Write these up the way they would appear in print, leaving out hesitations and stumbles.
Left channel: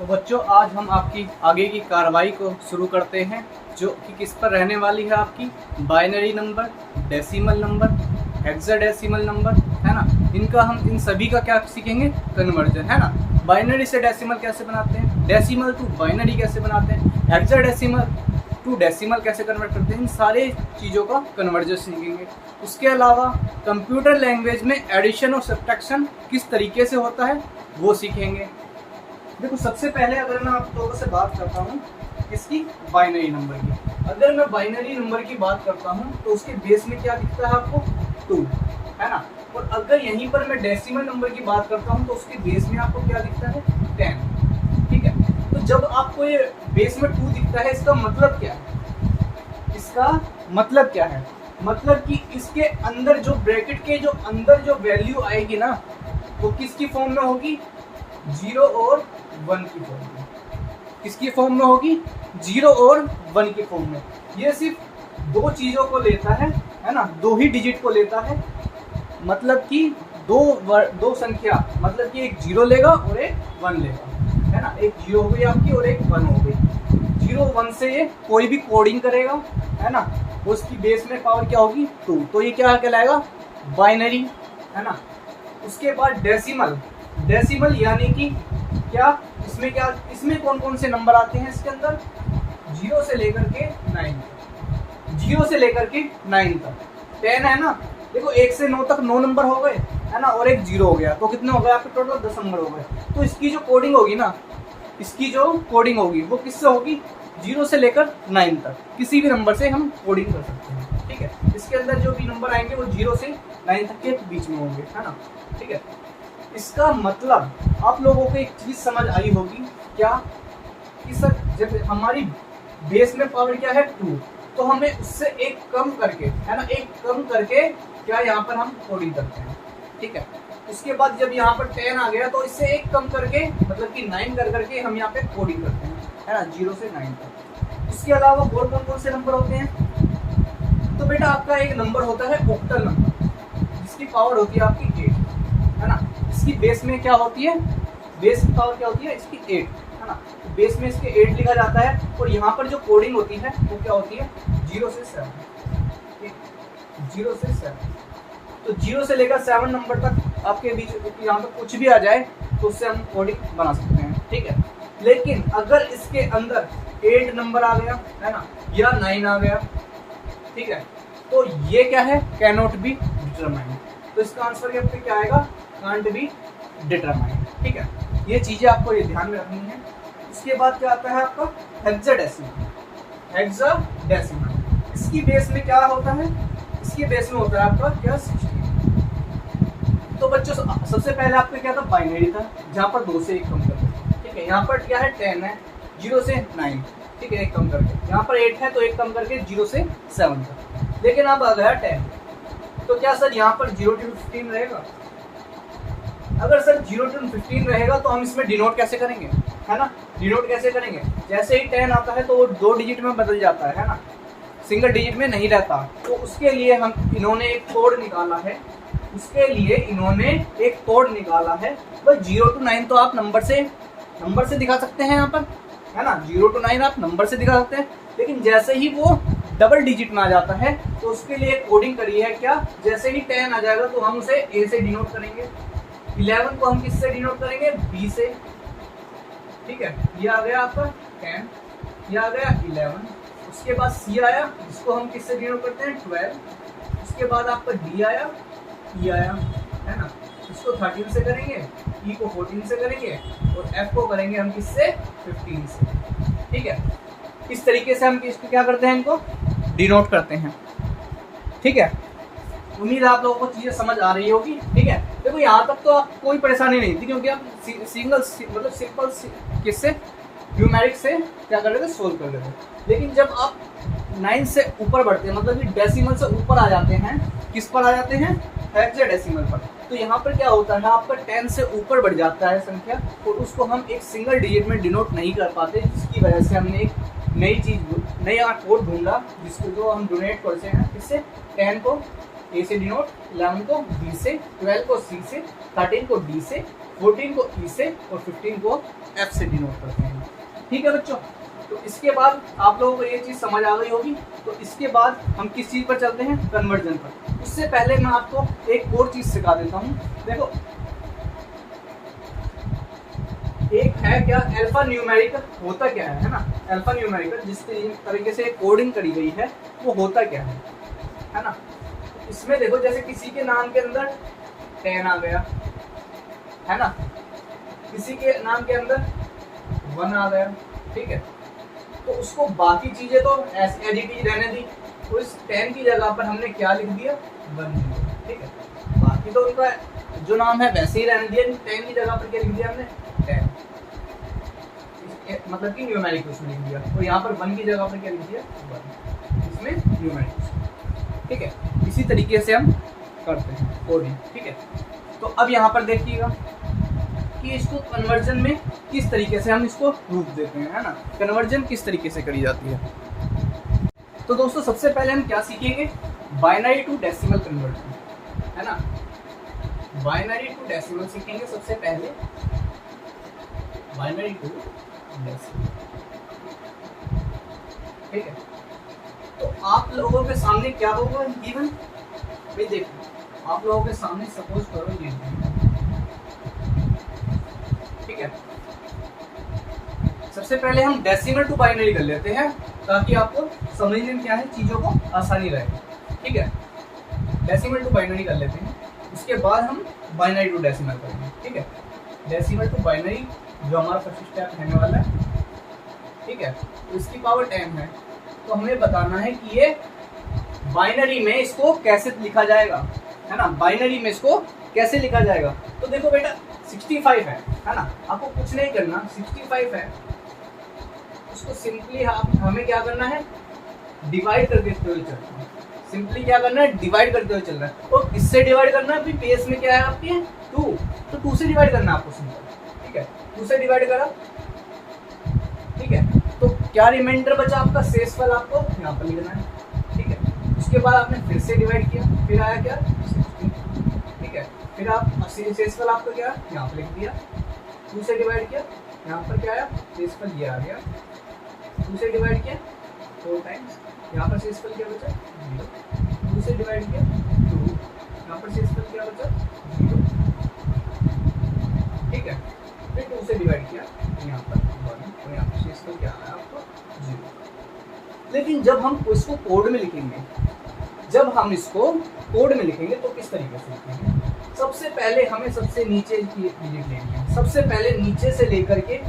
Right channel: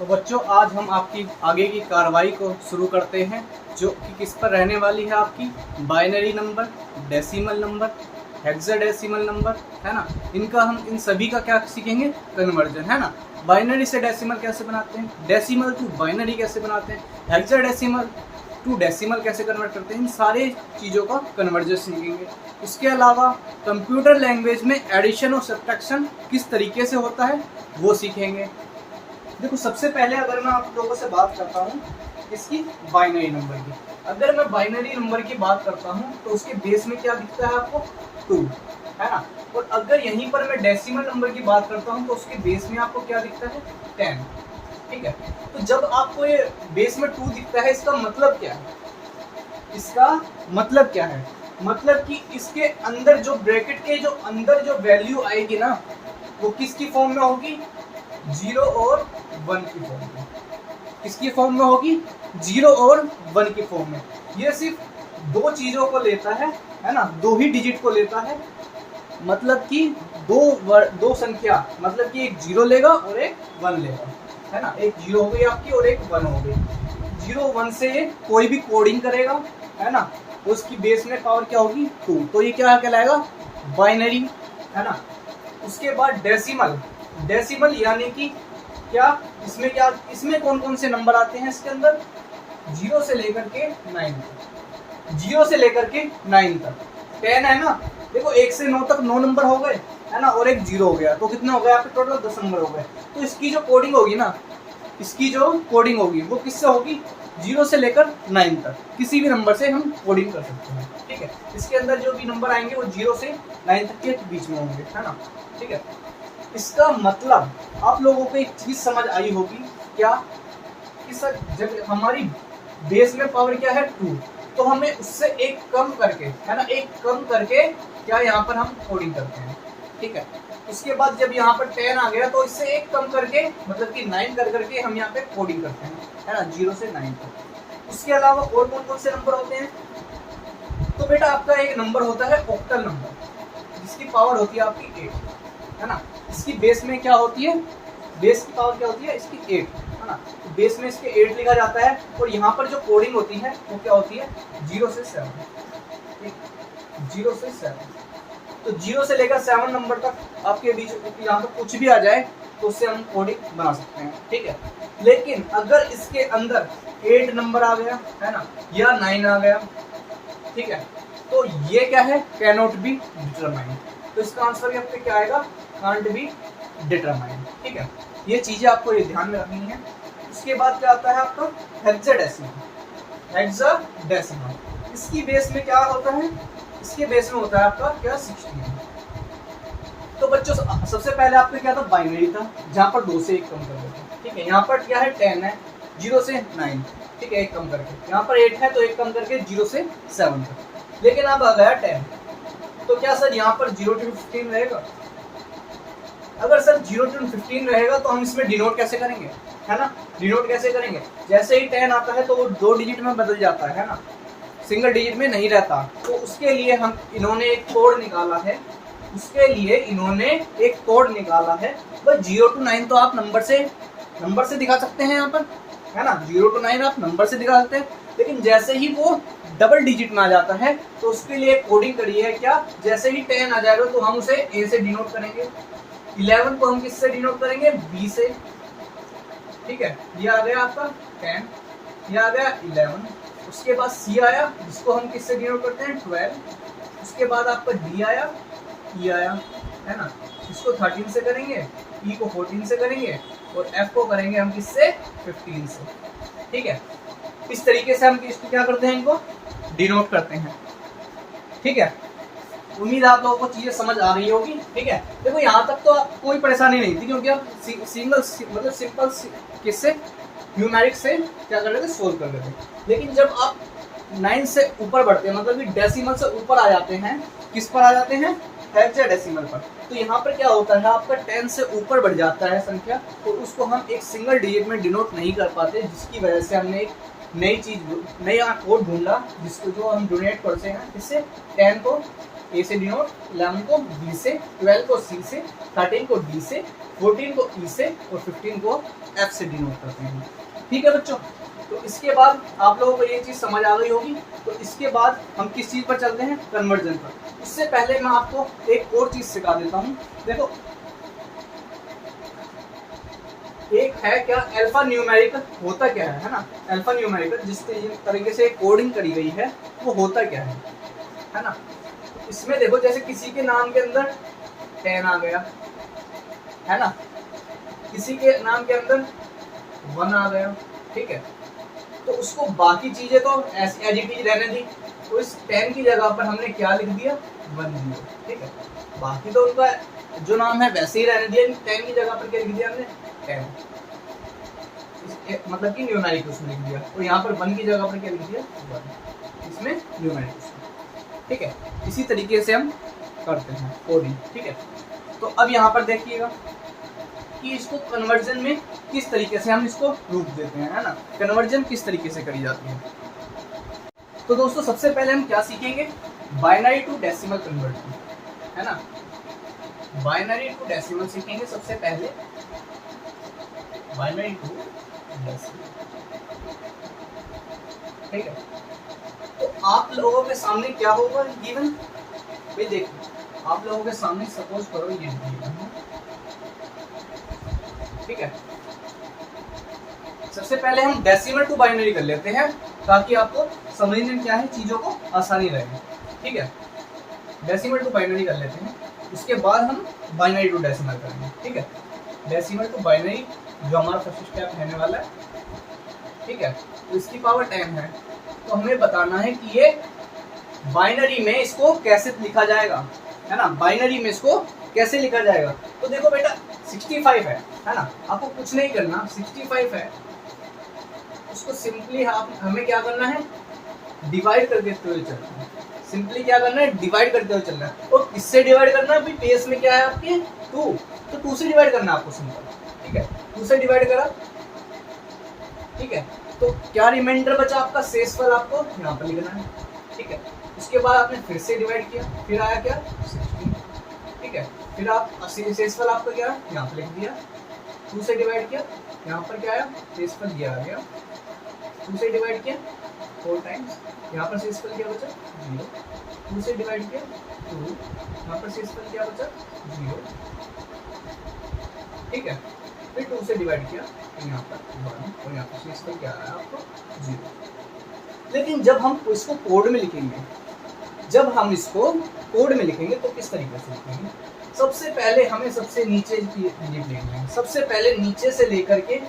तो बच्चों आज हम आपकी आगे की कार्रवाई को शुरू करते हैं, जो कि किस पर रहने वाली है आपकी binary number, decimal number, hexadecimal number, है ना। इनका हम इन सभी का क्या सीखेंगे, कन्वर्जन, है ना। बाइनरी से डेसिमल कैसे बनाते हैं, डेसिमल टू बाइनरी कैसे बनाते हैं, हेक्साडेसिमल टू डेसिमल कैसे कन्वर्ट करते हैं, इन सारे चीज़ों का कन्वर्जन सीखेंगे। उसके अलावा कंप्यूटर लैंग्वेज में एडिशन और सब्ट्रैक्शन किस तरीके से होता है वो सीखेंगे। देखो सबसे पहले अगर मैं आप लोगों से बात करता हूँ इसकी बाइनरी नंबर की, अगर मैं बाइनरी नंबर की बात करता हूँ तो उसके बेस में क्या दिखता है आपको, 2, है ना। और अगर यहीं पर मैं डेसिमल नंबर की बात करता हूँ तो उसके बेस में आपको क्या दिखता है, 10, ठीक है। तो जब आपको ये बेस में 2 दिखता है, इसका मतलब क्या है, इसका मतलब क्या है, मतलब कि इसके अंदर जो ब्रैकेट के जो अंदर जो वैल्यू आएगी ना, वो किसकी फॉर्म में होगी, 0 और 1 की फॉर्म में। किसकी फॉर्म में होगी, 0 और 1 की फॉर्म में। ये सिर्फ 2 चीजों को लेता है ना, 2 ही डिजिट को लेता है, मतलब कि दो संख्या, मतलब कि एक 0 लेगा और एक 1 लेगा, है ना। एक 0 हो गई आपकी और एक 1 हो गई। 0 1 से ये कोई भी कोडिंग करेगा, है ना, उसकी बेस में पावर क्या होगी, 2, तो ये क्या कहलाएगा, बाइनरी, है ना। उसके बाद डेसिमल, डेसिमल यानी कि क्या, इसमें कौन कौन से नंबर आते हैं इसके अंदर, 0 से लेकर के 9 तक, 0 से लेकर के 9 तक 10 है ना। देखो 1 से 9 तक 9 नंबर हो गए, है ना, और एक 0 हो गया, तो कितने हो गए आपके, टोटल 10 नंबर हो गए। तो इसकी जो कोडिंग होगी ना, इसकी जो कोडिंग होगी वो किससे होगी, 0 से लेकर 9 तक किसी भी नंबर से हम कोडिंग कर सकते हैं, ठीक है। इसके अंदर जो भी नंबर आएंगे वो 0 से 9 तक के बीच में होंगे, है ना, ठीक है। इसका मतलब आप लोगों को एक चीज समझ आई होगी क्या, कि सर जब हमारी बेस में पावर क्या है, 2, तो हमें उससे एक कम करके, है ना, एक कम करके क्या यहाँ पर हम कोडिंग करते हैं, ठीक है। उसके बाद जब यहाँ पर 10 आ गया तो इससे एक कम करके, मतलब कि 9 कर करके हम यहाँ पे कोडिंग करते हैं, है ना, 0 से 9 तक। इसके अलावा और कौन से नंबर होते हैं, तो बेटा आपका एक नंबर होता है ऑक्टल नंबर, जिसकी पावर होती है आपकी 8, है ना। इसकी बेस में क्या होती है, बेस की पावर क्या होती है इसकी 8, है ना। तो बेस में इसके 8 लिखा जाता है, और यहाँ पर जो कोडिंग होती है वो क्या होती है, 0 से 7, 0 से 7। तो 0 से लेकर 7 नंबर तक आपके बीच यहाँ पर कुछ भी आ जाए तो उससे हम कोडिंग बना सकते हैं, ठीक है। लेकिन अगर इसके अंदर 8 नंबर आ गया, है ना, या 9 आ गया, ठीक है, तो ये क्या है, कैनॉट बी डिटरमाइंड। तो इसका आंसर यहाँ पे क्या आएगा, कांट बी डिटरमाइंड, ठीक है। ये चीजें आपको ये ध्यान में रखनी है। उसके बाद क्या आता है आपका हेक्साडेसिमल, हेक्साडेसिमल इसकी बेस में क्या होता है, इसके बेस में होता है आपका क्या, 16। तो बच्चों सबसे पहले आपका क्या था, बाइनरी था, जहाँ पर 2 से 1 कम करके, ठीक है। यहाँ पर क्या है, 10 है, 0 से 9, ठीक है, 1 कम करके। यहाँ पर 8 है तो 1 कम करके 0 से 7 तक। लेकिन अब आ गया 10, तो क्या सर यहाँ पर 0 to 15 रहेगा। अगर सर 0 to 15 रहेगा तो हम इसमें डिनोट कैसे करेंगे, है ना, डिनोट कैसे करेंगे, जैसे ही 10 आता है तो वो 2 डिजिट में बदल जाता है ना, सिंगल डिजिट में नहीं रहता। तो उसके लिए इन्होंने एक कोड निकाला है, उसके लिए इन्होंने एक कोड निकाला है। बस 0 to 9 तो आप नंबर से दिखा सकते हैं यहाँ पर, है ना, 0 to 9 आप नंबर से दिखा सकते हैं। लेकिन जैसे ही वो डबल डिजिट में आ जाता है तो उसके लिए कोडिंग करी है क्या, जैसे ही 10 आ जाएगा तो हम उसे ए से डिनोट करेंगे, 11 को हम किससे डिनोट करेंगे, बी से, ठीक है। ये आ गया आपका 10, ये आ गया 11। उसके बाद सी आया, जिसको हम किससे डिनोट करते हैं, 12। उसके बाद आपका डी आया, ई आया, है ना, इसको 13 से करेंगे, ई को 14 से करेंगे, और एफ को करेंगे हम किससे, 15 से, ठीक है। इस तरीके से हम इसको क्या करते हैं, इनको डिनोट करते हैं, ठीक है। उम्मीद आप लोगों को चीजें समझ आ रही होगी, ठीक है। देखो यहाँ तक तो कोई परेशानी नहीं थी, क्योंकि हम सिंगल मतलब सिंपल किससे, न्यूमेरिक से क्या कर लेते, सोल्व कर लेते। लेकिन जब आप 9 से ऊपर बढ़ते हैं, मतलब कि डेसिमल से ऊपर आ जाते हैं, किस पर आ जाते हैं, हेक्साडेसिमल पर, तो यहाँ पर क्या होता है, आपका 10 से ऊपर बढ़ जाता है संख्या, और उसको हम एक सिंगल डिजिट में डिनोट नहीं कर पाते, जिसकी वजह से हमने एक नया कोड ढूंढा, जिसको जो हम डोनेट करते हैं, इससे 10 को ए से डिनोट, 11 को बी से, 12 को सी से, 13 को डी से, 14 को ई से और 15 को एफ से डिनोट करते हैं। ठीक है बच्चों, तो इसके बाद आप लोगों को ये चीज़ समझ आ गई होगी। तो इसके बाद हम किस चीज़ पर चलते हैं, कन्वर्जन पर। उससे पहले मैं आपको एक और चीज़ सिखा देता हूँ। देखो, एक है क्या अल्फा न्यूमेरिक, होता क्या है ना, अल्फा न्यूमेरिक जिस तरीके से कोडिंग करी गई है वो होता क्या है ना। इसमें देखो, जैसे किसी के नाम के अंदर 10 आ गया है ना, किसी के नाम के अंदर 1 आ गया, ठीक है, तो उसको बाकी चीजें तो ऐसी एज इट इज रहने दी, तो इस 10 की जगह पर हमने क्या लिख दिया, 1 0, ठीक है। बाकी तो उनका जो नाम है वैसे ही रहने दिया, 10 की जगह पर क्या लिख दिया हमने, 10, मतलब कि न्यूमेरिक उसमें लिख दिया, और यहाँ पर 1 की जगह पर क्या लिख दिया, 1, इसमें न्यूमेरिक, ठीक है। इसी तरीके से हम करते हैं कोडिंग, ठीक है। तो अब यहाँ पर देखिएगा कि इसको कन्वर्जन में किस तरीके से हम इसको रूप देते हैं, है ना, कन्वर्जन किस तरीके से करी जाती है। तो दोस्तों सबसे पहले हम क्या सीखेंगे, बाइनरी टू डेसिमल कन्वर्जन, है ना, बाइनरी टू डेसिमल सीखेंगे सबसे पहले, बाइनरी टू डेसिमल, ठीक है। तो आप लोगों के सामने क्या होगा गिवन, ये देखो आप लोगों के सामने सपोज करो ये, ठीक है। सबसे पहले हम डेसिमल टू बाइनरी कर लेते हैं ताकि आपको समझने में क्या है चीजों को आसानी रहे, ठीक है। डेसिमल टू बाइनरी कर लेते हैं, उसके बाद हम बाइनरी टू डेसिमल करेंगे, ठीक है। डेसिमल टू बाइनरी जो हमारा फर्स्ट स्टेप रहने वाला है, ठीक है, तो इसकी पावर 10 है, तो हमें बताना है कि ये बाइनरी में इसको कैसे लिखा जाएगा, है ना, बाइनरी में इसको कैसे लिखा जाएगा। तो देखो बेटा 65 है ना, आपको कुछ नहीं करना, 65 है, उसको सिंपली हमें क्या करना है, डिवाइड करके हुए चलना है, सिंपली क्या करना है, डिवाइड करते हुए चलना है। और किससे डिवाइड करना है, बेस में क्या है आपके 2, तो 2 से डिवाइड करना है आपको सिंपल, ठीक है, 2 से डिवाइड करा, ठीक है। तो क्या रिमाइंडर बचा आपका, शेषफल आपको यहाँ पर लिखना है, ठीक है। उसके बाद आपने फिर से डिवाइड किया, फिर आया क्या 16, ठीक है, फिर आप शेषफल आपका क्या यहाँ पर लिख दिया, 2 से डिवाइड किया, यहाँ पर क्या आया शेषफल ये आ गया, 2 से डिवाइड किया 4 टाइम्स, यहाँ पर शेषफल क्या बचा 0, 2 से डिवाइड किया 2, यहाँ पर शेषफल क्या बचा 0, ठीक है। फिर 2 से डिवाइड किया तो यहाँ पर 1, और यहाँ पर शेषफल क्या आया आपको 0। लेकिन जब हम इसको कोड में लिखेंगे, जब हम इसको कोड में लिखेंगे तो किस तरीके से लिखेंगे, सबसे पहले हमें सबसे नीचे की डिजिट लेनी है, सबसे पहले नीचे से लेकर के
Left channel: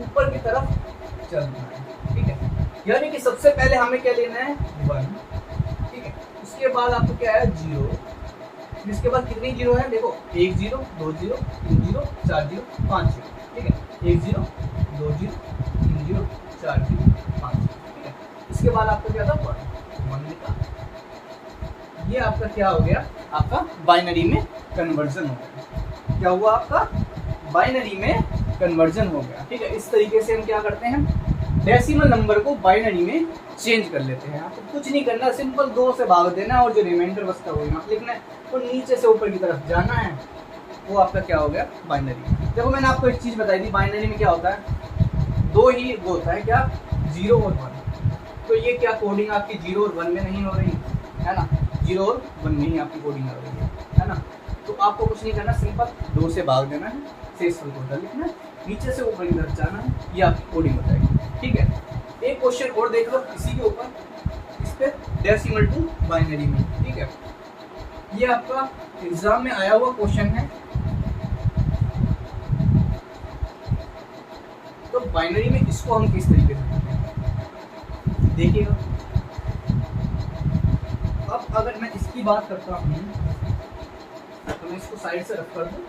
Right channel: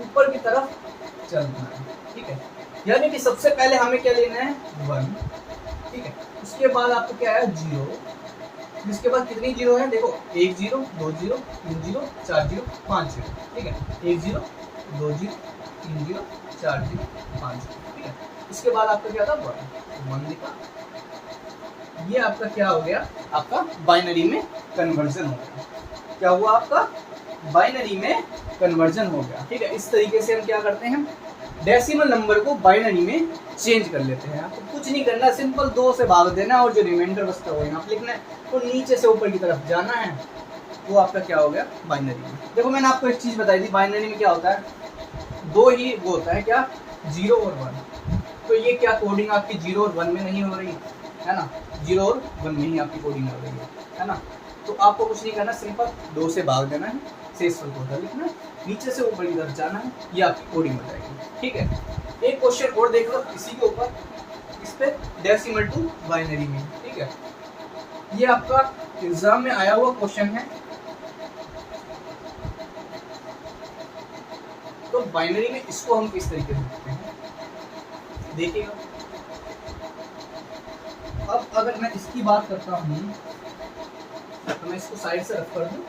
ऊपर की तरफ चलना है, ठीक है। यानी कि सबसे पहले हमें क्या लेना है 1, ठीक है। उसके बाद आपको क्या है 0, जिसके बाद कितनी 0 है, देखो 1 0, 2 0, 3 0, 4 0, 5 0, ठीक है, 1 0, 2 0, 3 0, 4 0, 5 0, ठीक है। इसके बाद आपका क्या था 1 लिखा, ये आपका क्या हो गया, आपका बाइनरी में कन्वर्जन हो गया। क्या हुआ, आपका बाइनरी में कन्वर्जन हो गया, ठीक है। इस तरीके से हम क्या करते हैं, डेसिमल नंबर को बाइनरी में चेंज कर लेते हैं। आपको कुछ नहीं करना, सिंपल 2 से भाग देना और जो रिमाइंडर बचता है वो यहाँ पे लिखना है, और नीचे से ऊपर की तरफ जाना है, वो आपका क्या हो गया बाइनरी। देखो मैंने आपको एक चीज़ बताई थी, बाइनरी में क्या होता है, 2 ही वो होता है, क्या 0 और 1। तो ये क्या कोडिंग आपकी 0 और 1 में नहीं हो रही है ना, 0 और 1 में ही आपकी कोडिंग हो रही है ना। तो आपको कुछ नहीं करना, सिंपल 2 से भाग देना है, शेषफल को उधर लिखना है, नीचे से ऊपर की तरफ जाना है, ये आपकी कोडिंग हो जाएगी, ठीक है। एक क्वेश्चन और देख लो इसी के ऊपर, इस पे डेसिमल टू बाइनरी में, ठीक है। ये आपका एग्जाम में आया हुआ क्वेश्चन है। तो बाइनरी में इसको हम किस तरीके से देखिएगा। अब अगर मैं इसकी बात करता हूँ तो मैं इसको साइड से रख कर दूं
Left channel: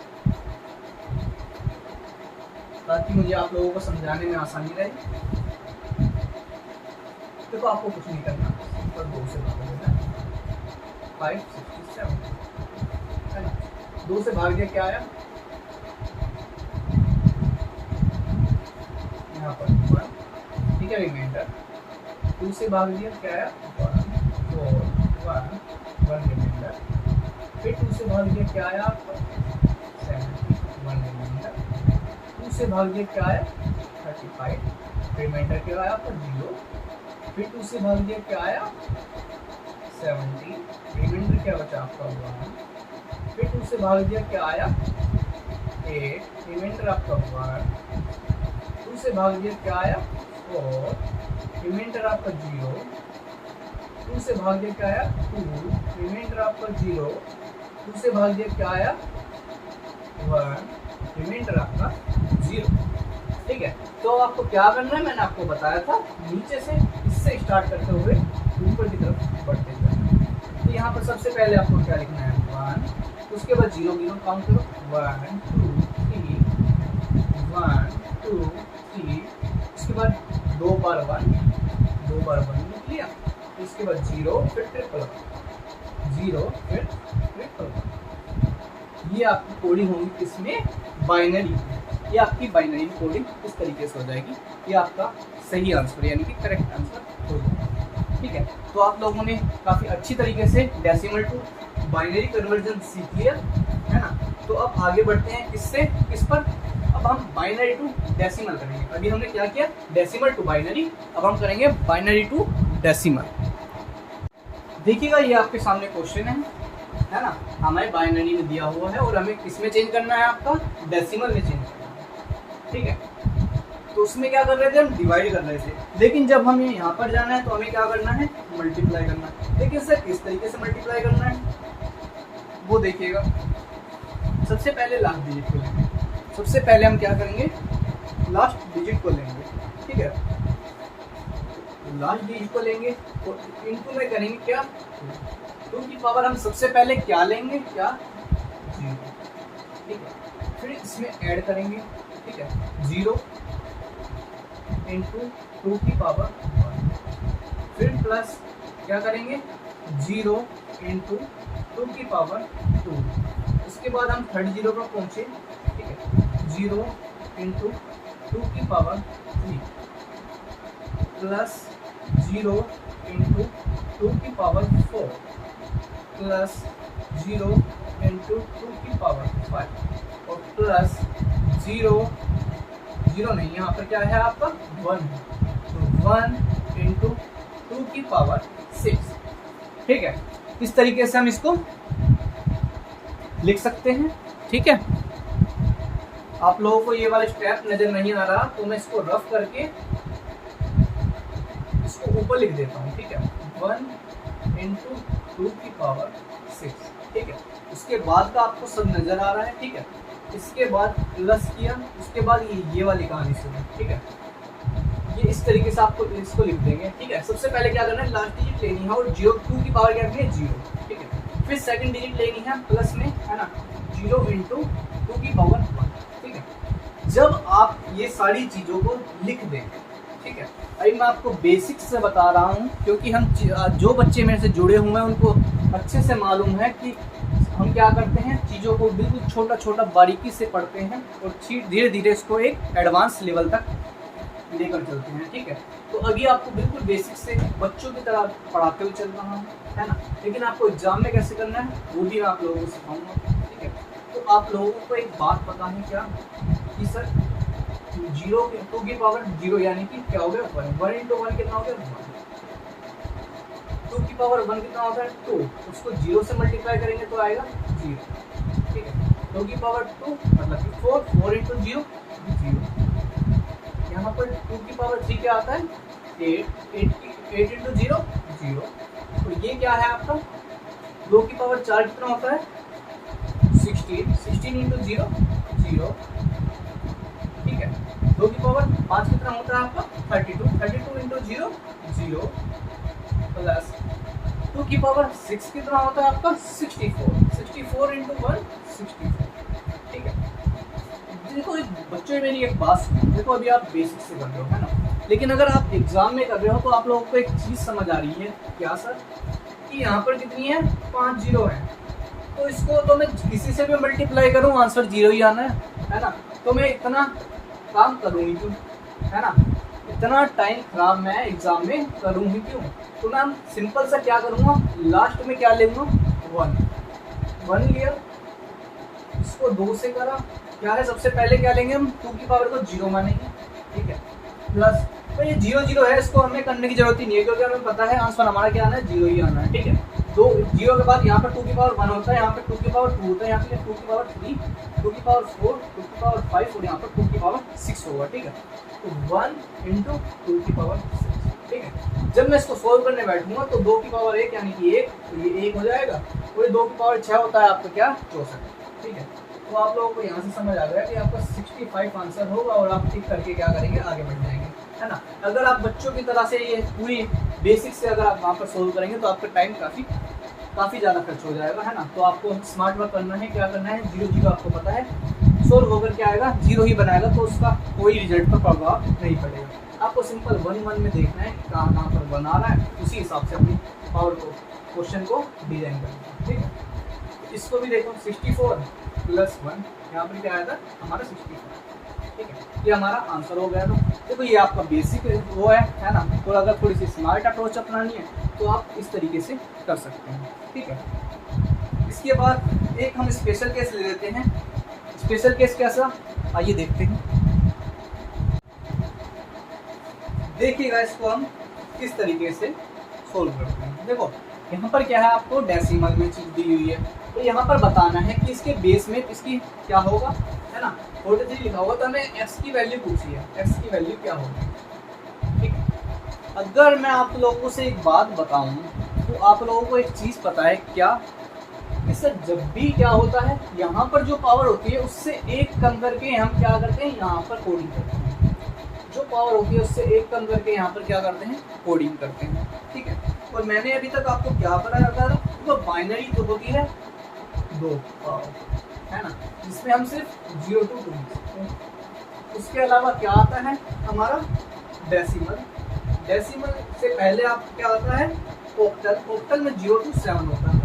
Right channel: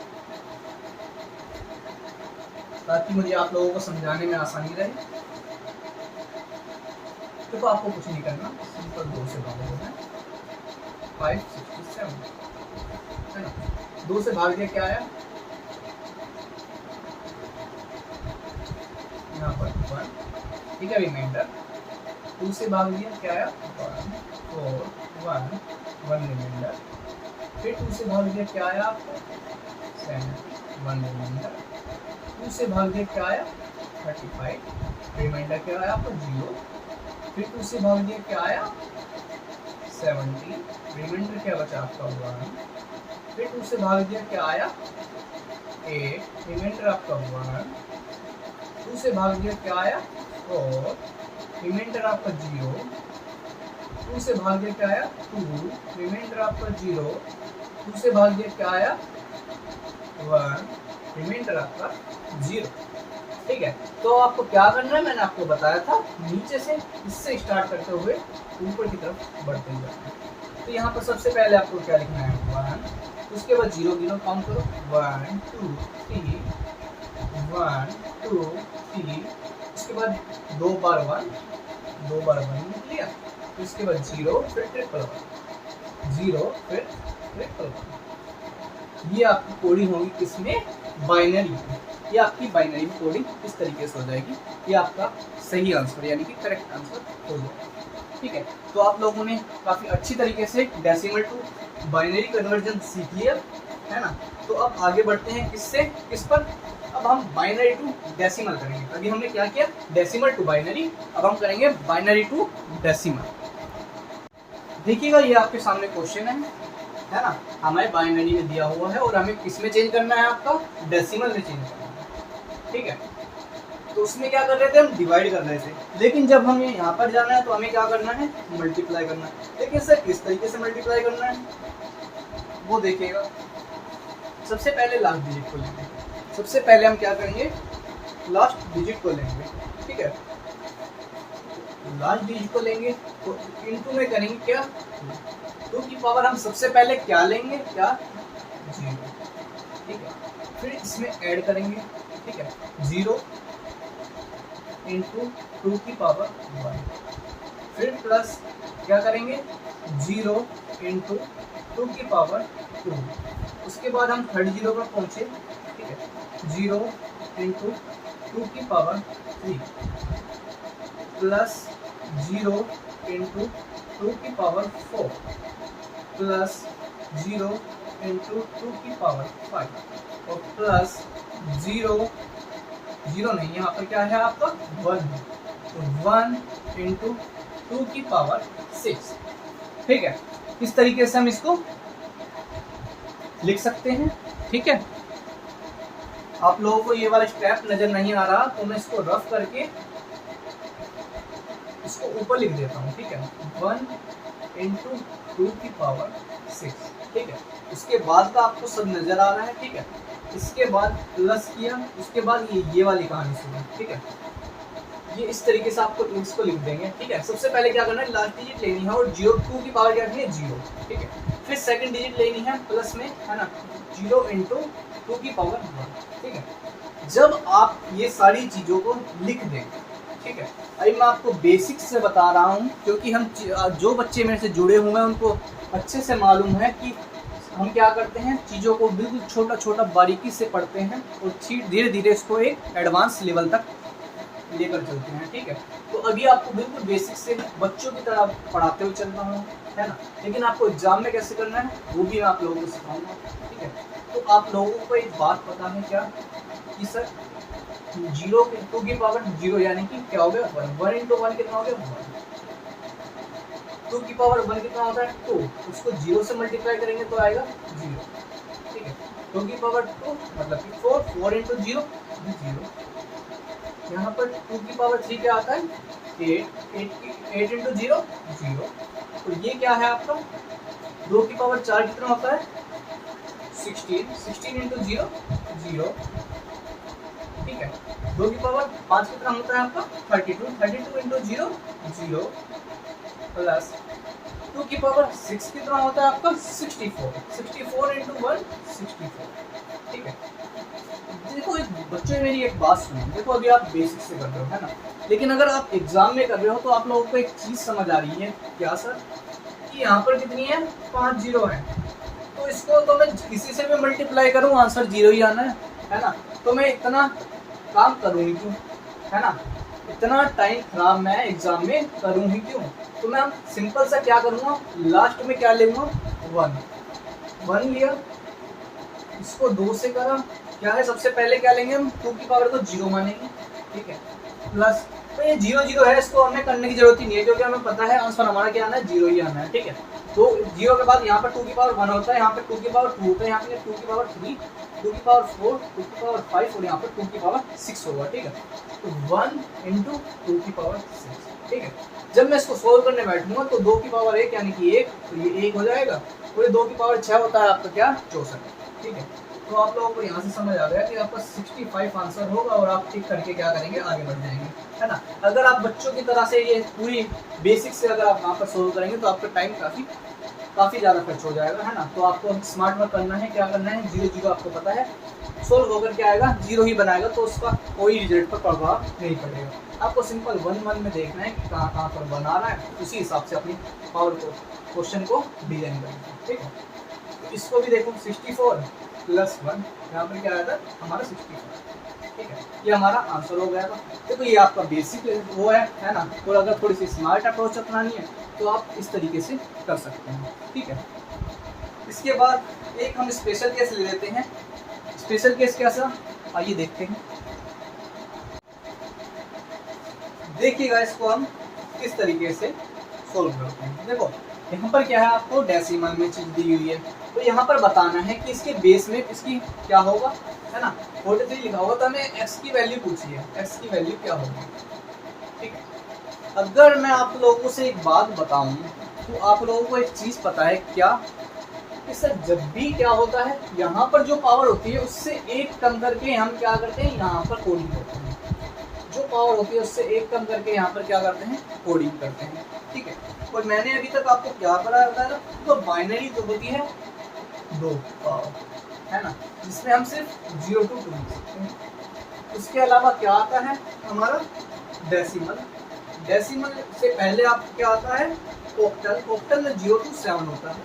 ताकि मुझे आप लोगों को समझाने में आसानी रहे। तो आपको कुछ नहीं करना, सिंपल 2 से भाग देना है, 567 है ना, 2 से भाग दिया क्या आया, यहाँ पर 1, ठीक है, रिमाइंडर 2 से भाग दिया क्या आया 1 रिमाइंडर, फिर 2 से भाग दिया क्या आया आपको 7, 1 रिमाइंडर, 2 से भाग दिया क्या आया 35, रिमाइंडर क्या आया आपका 0, फिर 2 से भाग दिया क्या आया 70, रिमाइंडर क्या बचा आपका 1, फिर 2 से भाग दिया क्या आया 8, रिमाइंडर आपका 1, 2 से भाग दिया क्या आया 4, रिमाइंडर आपका 0, 2 से भाग दिया क्या आया 2, रिमाइंडर आपका 0, 2 से भाग दिया क्या आया 1, रिमाइंडर आपका 0। ठीक है, तो आपको क्या करना है मैंने आपको बताया था, नीचे से इससे स्टार्ट करते हुए ऊपर की तरफ बढ़ते जाना। तो यहाँ पर सबसे पहले आपको क्या लिखना है 1, उसके बाद 0 गिनो, काउंट करो 1 2 3, 1 2 3, उसके बाद 2 बार 1 लिख लिया, उसके बाद 0 फिर 111, 0 फिर 111। ये आपकी कोडिंग होगी किसमें बाइनरी, ये आपकी बाइनरी कोडिंग इस तरीके से हो जाएगी। ये आपका सही आंसर यानी कि करेक्ट आंसर हो जाएगा। ठीक है, तो आप लोगों ने काफ़ी अच्छी तरीके से डेसिमल टू बाइनरी कन्वर्जन सीखी है ना। तो अब आगे बढ़ते हैं किस पर, अब हम बाइनरी टू डेसिमल करेंगे। अभी हमने क्या किया डेसिमल टू बाइनरी, अब हम करेंगे बाइनरी टू डेसिमल। देखिएगा ये आपके सामने क्वेश्चन है ना, हमें बाइनरी में दिया हुआ है और हमें किस में चेंज करना है आपका डेसिमल में चेंज करना है। ठीक है, तो उसमें क्या कर रहे थे हम डिवाइड कर रहे थे, लेकिन जब हमें यहाँ पर जाना है तो हमें क्या करना है मल्टीप्लाई करना है। लेकिन सर किस तरीके से मल्टीप्लाई करना है वो देखिएगा। सबसे पहले लास्ट डिजिट को लेंगे, सबसे पहले हम क्या करेंगे लास्ट डिजिट को लेंगे। ठीक है, लास्ट डिजिट को लेंगे तो इनटू में करेंगे क्या 2 की पावर, हम सबसे पहले क्या लेंगे क्या 0। ठीक है, फिर इसमें ऐड करेंगे। ठीक है, 0 इंटू 2 की पावर 1, फिर प्लस क्या करेंगे 0 इंटू 2 की पावर 2, उसके बाद हम थर्ड 0 पर पहुँचे। ठीक है, 0 इंटू 2 की पावर 3 प्लस 0 इंटू 2 की पावर 4 प्लस 0 इंटू 2 की पावर 5 और प्लस 0 नहीं, यहाँ पर क्या है आपका 1, तो 1 इंटू 2 की पावर 6। ठीक है, इस तरीके से हम इसको लिख सकते हैं। ठीक है, आप लोगों को ये वाला स्टेप नजर नहीं आ रहा तो मैं इसको रफ करके इसको ऊपर लिख देता हूँ। ठीक है, 1 इंटू 2 की पावर 6। ठीक है, उसके बाद का आपको सब नजर आ रहा है। ठीक है, इसके बाद प्लस किया, उसके बाद ये वाली कहानी सुनी। ठीक है, ये इस तरीके से आपको इसको लिख देंगे। ठीक है, सबसे पहले क्या करना है लास्ट डिजिट लेनी है और 2 की पावर क्या करनी है 0। ठीक है, फिर सेकंड डिजिट लेनी है प्लस में, है ना, 0 इंटू 2 की पावर 1। ठीक है, जब आप ये सारी चीज़ों को लिख दें, ठीक है, अभी मैं आपको बेसिक्स से बता रहा हूँ क्योंकि हम जो बच्चे मेरे से जुड़े हुए हैं उनको अच्छे से मालूम है कि हम क्या करते हैं, चीज़ों को बिल्कुल छोटा छोटा बारीकी से पढ़ते हैं और धीरे धीरे इसको एक एडवांस लेवल तक लेकर चलते हैं। ठीक है, तो अभी आपको बिल्कुल बेसिक से बच्चों की तरह पढ़ाते हुए चल रहा हूँ, है ना, लेकिन आपको एग्जाम में कैसे करना है वो भी मैं आप लोगों को सिखाऊंगा। ठीक है, तो आप लोगों को एक बात पता है क्या कि सर 0 2 की पावर 0 यानी कि क्या हो गया 1 इंटू 1 कितना हो गया 1, 2 की पावर 1 कितना होता है 2, उसको 0 से मल्टीप्लाई करेंगे तो आएगा 0। ठीक है, 2 की पावर 2 मतलब कि 4 इंटू 0 0। यहाँ पर 2 की पावर 3 क्या आता है 8 इंटू 0 0। तो ये क्या है आपका 2 की पावर 4 कितना होता है 16 इंटू 0 0। ठीक है, 2 की पावर 5 कितना होता है आपका 32 इंटू 0 0 प्लस 2 की पावर 6 कितना होता है आपका 64 इंटू 1 64। ठीक है, देखो बच्चे मेरी एक बात सुनो, देखो अभी आप बेसिक से कर रहे हो, है ना, लेकिन अगर आप एग्जाम में कर रहे हो तो आप लोगों को एक चीज़ समझ आ रही है क्या सर कि यहाँ पर कितनी है 5 0 है, तो इसको तो मैं किसी से भी मल्टीप्लाई करूँ आंसर 0 ही आना है ना, तो मैं इतना काम करूँगी क्यों, है ना, इतना टाइम खराब मैं एग्जाम में करूँ ही क्यों। तो मैं सिंपल सा क्या करूँगा लास्ट में क्या लेंगे 1 लिया, इसको 2 से करा क्या है, सबसे पहले क्या लेंगे हम, 2 की पावर को 0 मानेंगे, ठीक है, प्लस तो ये 0 0 है, इसको हमें करने की जरूरत ही नहीं है क्योंकि हमें पता है आंसर हमारा क्या आना है, 0 ही आना है, ठीक है। तो 0 के बाद यहाँ पर 2 की पावर 1 होता है, यहाँ पर 2 की पावर 2 होता है, यहाँ पे 2 की पावर 3, 2 की पावर 4, 2 की पावर 5 और यहाँ पर 2 की पावर 6 होगा, ठीक है। तो 1 इंटू 2 की पावर 6, ठीक है। जब मैं इसको सोल्व करने बैठूंगा तो 2 की पावर 1 यानी कि 1, तो ये 1 हो जाएगा, और ये 2 की पावर 6 होता है आपका क्या, 64, ठीक है। तो आप लोगों को यहाँ से समझ आ गया कि आपका 65 आंसर होगा और आप टिक करके क्या करेंगे, आगे बढ़ जाएंगे, है ना। अगर आप बच्चों की तरह से ये पूरी बेसिक से अगर आप वहाँ पर सोल्व करेंगे तो आपका टाइम काफ़ी ज़्यादा खर्च हो जाएगा, है ना। तो आपको स्मार्ट वर्क करना है, क्या करना है, 0 0 आपको पता है, सोल्व होकर क्या आएगा, 0 ही बनाएगा, तो उसका कोई रिजल्ट पर प्रभाव नहीं पड़ेगा। आपको सिंपल 1 1 में देखना है कि कहाँ कहाँ पर बना रहा है, उसी हिसाब से अपनी पावर को क्वेश्चन को डिजाइन करेंगे, ठीक है। इसको भी देखो, 64 प्लस 1, यहाँ पर क्या आएगा हमारा 64, ठीक है। ये हमारा आंसर हो गया। देखो ये आपका बेसिक वो है ना। और अगर थोड़ी सी स्मार्ट अप्रोच अपनानी है तो आप इस तरीके से कर सकते हैं, ठीक है। इसके बाद एक हम स्पेशल केस ले लेते हैं। स्पेशल केस कैसा, आइए देखते हैं। देखिएगा इसको हम किस तरीके से सोल्व करते हैं। देखो यहाँ पर क्या है, आपको डेसिमल में चीज दी हुई है, तो यहाँ पर बताना है कि इसके बेस में इसकी क्या होगा, है ना। 43 लिखा होगा तो हमें x की वैल्यू पूछी है, x की वैल्यू क्या होगी, ठीक है। अगर मैं आप लोगों से एक बात बताऊं तो आप लोगों को एक चीज पता है क्या, इससे जब भी क्या होता है, यहाँ पर जो पावर होती है उससे एक कम करके हम क्या करते हैं, यहाँ पर कोडिंग करते हैं। जो पावर होती है उससे एक कम करके यहाँ पर क्या करते हैं, कोडिंग करते हैं, ठीक है। और मैंने अभी तक आपको क्या पढ़ाया था, तो बाइनरी जो होती है 2 पावर, है ना, जिसमें हम सिर्फ 0 to 2 लिख सकते हैं। उसके अलावा क्या आता है हमारा डेसिमल। डेसिमल से पहले आप क्या आता है, ऑक्टल। ऑक्टल में 0 to 7 होता है,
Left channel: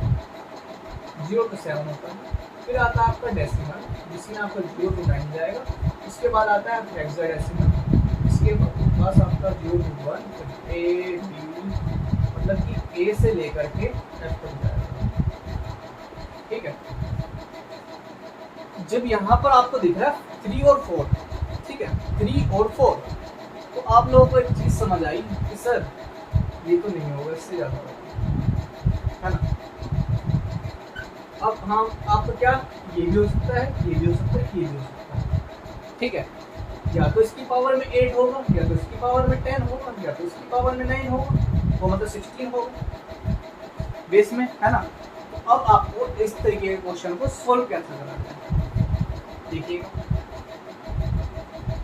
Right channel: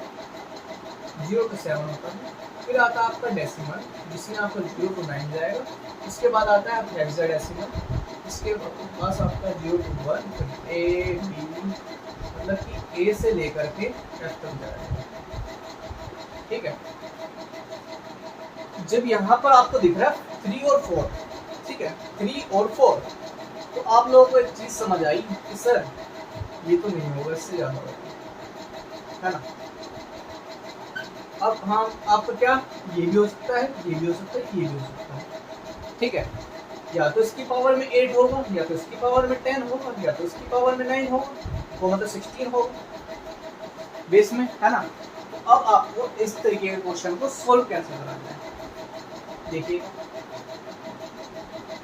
0 to 7 होता है। फिर आता है आपका डेसिमल, जिसमें आपका 0 to 9 जाएगा। उसके बाद आता है हेक्साडेसिमल, इसके पास आपका 0 to 1, फिर ए बी, मतलब कि ए से लेकर के एफ तक जाएगा, ठीक है। जब यहाँ पर आपको दिख रहा है 3 और 4, ठीक है, 3 और 4, तो आप लोगों को एक चीज समझ आई कि सर ये तो नहीं होगा, इससे ज्यादा होगा, है ना। अब हाँ, आपका क्या, ये भी हो सकता है, ये भी हो सकता है, ये भी हो सकता है, ठीक है। या तो इसकी पावर में 8 होगा, या तो इसकी पावर में 10 होगा, या तो इसकी पावर में 9 होगा, वो मतलब 16 होगा बेस में, है ना। तो अब आपको इस तरीके के क्वेश्चन को सोल्व कैसे कराना है, देखिए।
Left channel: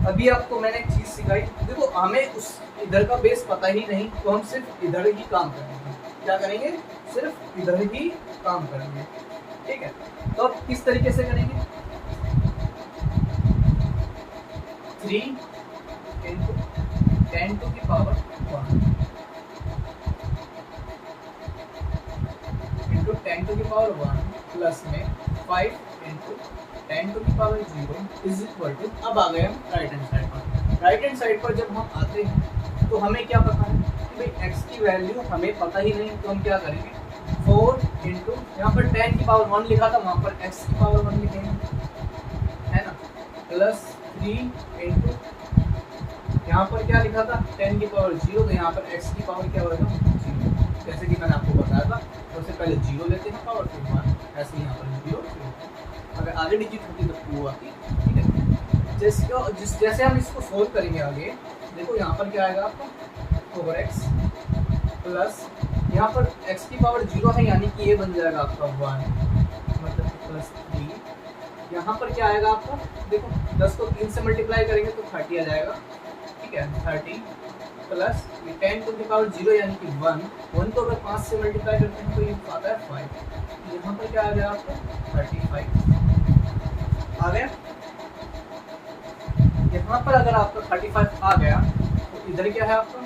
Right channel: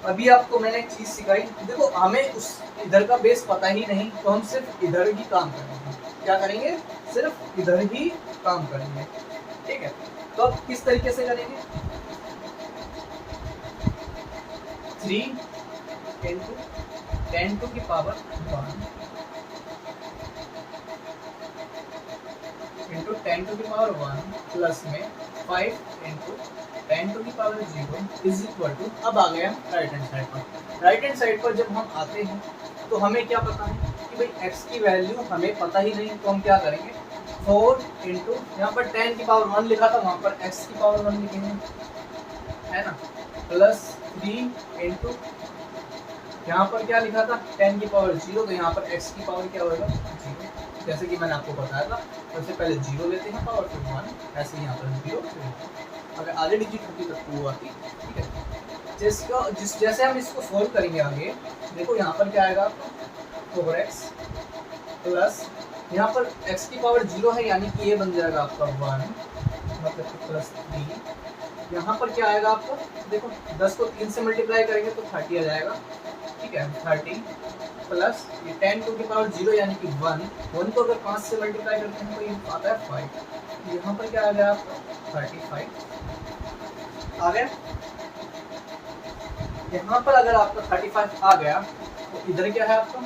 अभी आपको मैंने एक चीज सिखाई, देखो हमें उस इधर का बेस पता ही नहीं, तो हम सिर्फ इधर ही काम करेंगे। क्या करेंगे, सिर्फ इधर ही काम करेंगे, ठीक है। तो अब किस तरीके से करेंगे, 3 into 10 to the power 1 into 10 to the power 1 plus में 5 into 10 to the power 0 is equal to, अब आ गए हम राइट हैंड साइड पर। राइट हैंड साइड पर जब हम आते हैं तो हमें क्या पता है कि भाई x की वैल्यू हमें पता ही नहीं, तो हम क्या करेंगे, 4 इंटू, यहाँ पर 10 की पावर 1 लिखा था, वहाँ पर x की पावर 1 लिखेंगे, है ना, प्लस 3 इंटू, यहाँ पर क्या लिखा था, 10 की पावर 0, तो यहाँ पर x की पावर क्या होगा, 0। जैसे कि मैंने आपको बताया था, सबसे पहले 0 लेते हैं पावर, फिर 1, ऐसे ही यहाँ पर 0, अगर आगे डिजिट होती तो 2 आती, ठीक है। जैसे हम इसको सोल्व करेंगे आगे, देखो यहाँ पर क्या आएगा आपका 4x प्लस, यहाँ पर x की पावर 0 है, यानी कि ये बन जाएगा आपका 1, मतलब प्लस 3। यहाँ पर क्या आएगा आपको, देखो 10 को 3 से मल्टीप्लाई करेंगे तो 30 आ जाएगा, ठीक है, 30 प्लस 10 टू द पावर 0 यानी कि 1 को अगर 5 से मल्टीप्लाई करते हैं तो ये आता है 5। यहाँ पर क्या आ गया आपका 35 आ गया। यहाँ पर अगर आपका 35 आ गया तो इधर क्या है आपका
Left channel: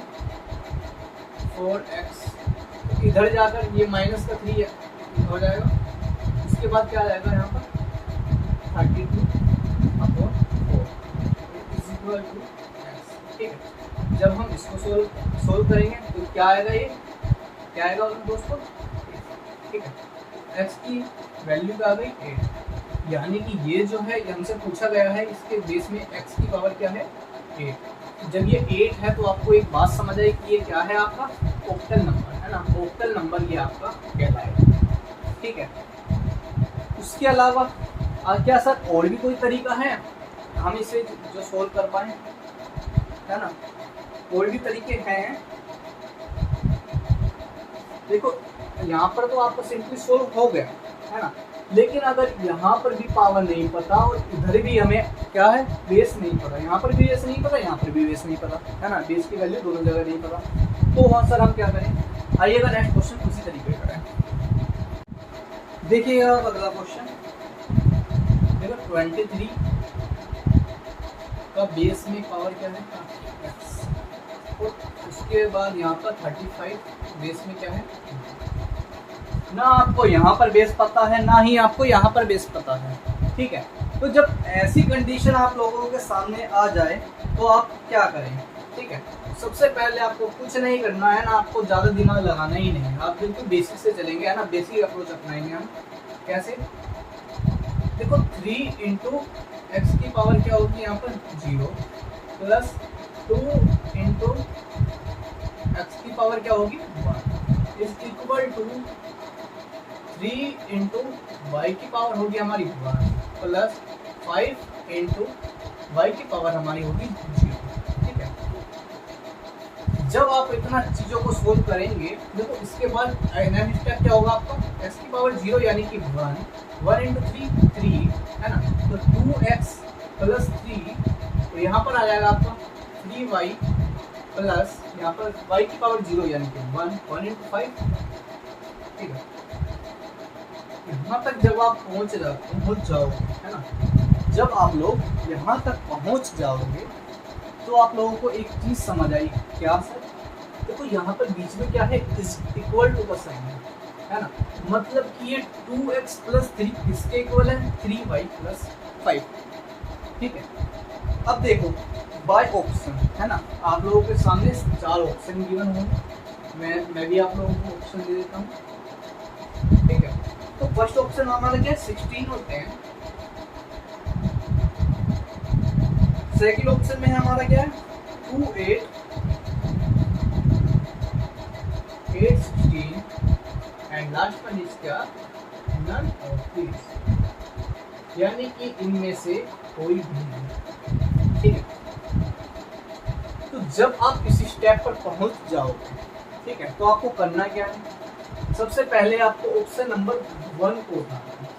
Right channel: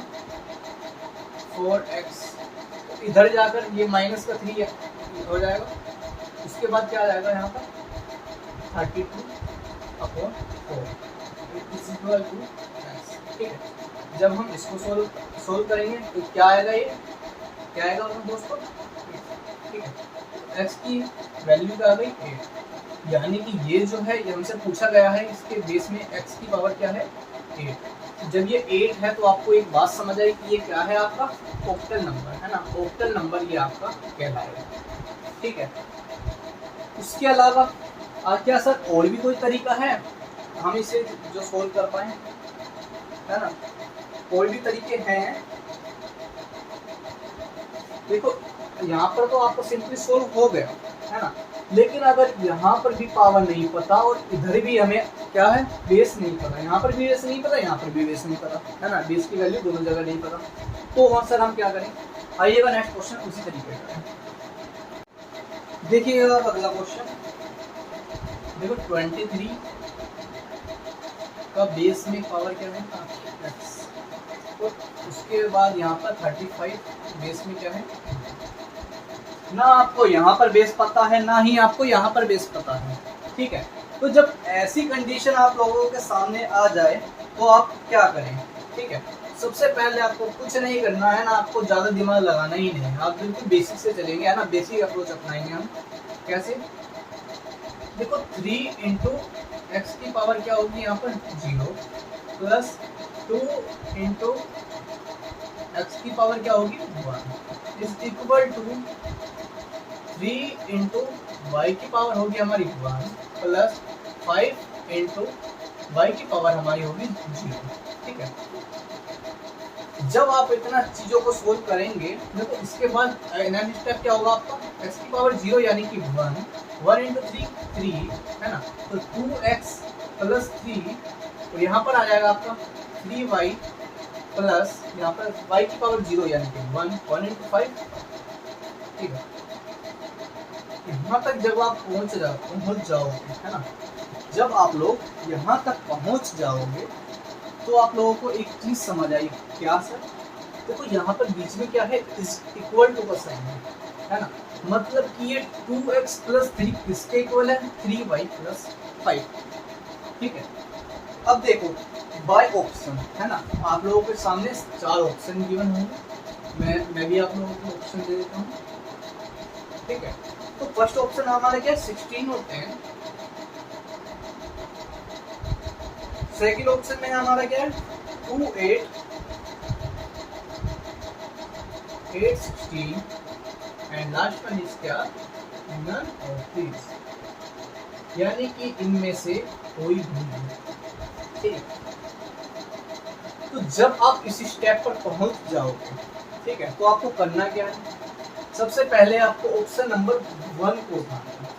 4x, तो इधर जाकर ये माइनस का 3 हो जाएगा। उसके बाद क्या आ जाएगा यहाँ पर 32/4 इज इक्वल टू, ठीक है। जब हम इसको सोल्व करेंगे तो क्या आएगा, ये क्या आएगा दोस्तों, ठीक है। x की वैल्यू क्या आ गई 8, यानी कि ये जो है ये हमसे पूछा गया है, इसके बेस में x की पावर क्या है 8। जब ये 8 है तो आपको एक बात समझ आई कि ये क्या है आपका ऑक्टल नंबर है ना, ऑक्टल नंबर ये आपका कहलाएगा। ठीक है, उसके अलावा क्या सर और भी कोई तरीका है हम इसे जो सोल्व कर पाए, है ना? और भी तरीके हैं। देखो यहाँ पर तो आपको सिंपली सोल्व हो गया है ना, लेकिन अगर यहाँ पर भी पावर नहीं पता और इधर भी हमें क्या है बेस नहीं पता, यहाँ पर भी बेस नहीं पता, यहाँ पर भी बेस नहीं पता, है ना, बेस की वैल्यू दोनों जगह नहीं पता, तो वहाँ सर हम क्या करें? आइएगा नेक्स्ट क्वेश्चन उसी तरीके का है। देखिएगा अगला क्वेश्चन, देखो 23 का बेस में पावर क्या है x, तो उसके बाद यहाँ पर 35 बेस में क्या है, ना आपको यहाँ पर बेस पता है ना ही आपको यहाँ पर बेस पता है। ठीक है, तो जब ऐसी कंडीशन आप लोगों के सामने आ जाए तो आप क्या करें? ठीक है, सबसे पहले आपको कुछ नहीं करना है ना, आपको ज़्यादा दिमाग लगाना ही नहीं है, आप बिल्कुल बेसिक से चलेंगे, है ना, बेसिक अप्रोच अपनाएंगे हम। कैसे? देखो 3 इंटू एक्स की पावर क्या होगी यहाँ पर 0 प्लस 2 इंटू एक्स की पावर क्या होगी 1 is equal to 3 into Y की पावर होगी हमारी 1 प्लस 5 इंटू वाई की पावर हमारी होगी 0। ठीक है, जब आप इतना चीज़ों को सोल्व करेंगे देखो इसके बाद नेक्स्ट स्टेप क्या होगा आपका, x की पावर 0 यानी कि 1 इंटू 3 है ना, तो 2x प्लस 3 तो यहाँ पर आ जाएगा आपका 3y प्लस यहाँ पर y की पावर 0 यानी कि 1 इंटू 5। ठीक है, यहाँ तक जब आप पहुँच जाओगे है ना, जब आप लोग यहाँ तक पहुँच जाओगे तो आप लोगों को एक चीज़ समझ आई। क्या सर? देखो यहाँ पर बीच में क्या है इक्वल टू का साइन है ना, मतलब कि ये 2x प्लस 3 किसके इक्वल है 3y प्लस 5। ठीक है, अब देखो बाय ऑप्शन है ना, आप loगों के सामने 4 ऑप्शन गिवन होंगे, मैं भी आप लोगों को ऑप्शन दे देता हूँ। ठीक है, तो फर्स्ट ऑप्शन हमारा क्या है 16 और 10, सेकेंड ऑप्शन में हमारा क्या है 2 8 8 16 एंड लास्ट वन इज क्या नन ऑफ दिस, यानी कि इनमें से कोई भी नहीं। ठीक है, तो जब आप इस स्टेप पर पहुंच जाओगे ठीक है, तो आपको करना क्या है, सबसे पहले आपको ऑप्शन नंबर 1 को उठाना है।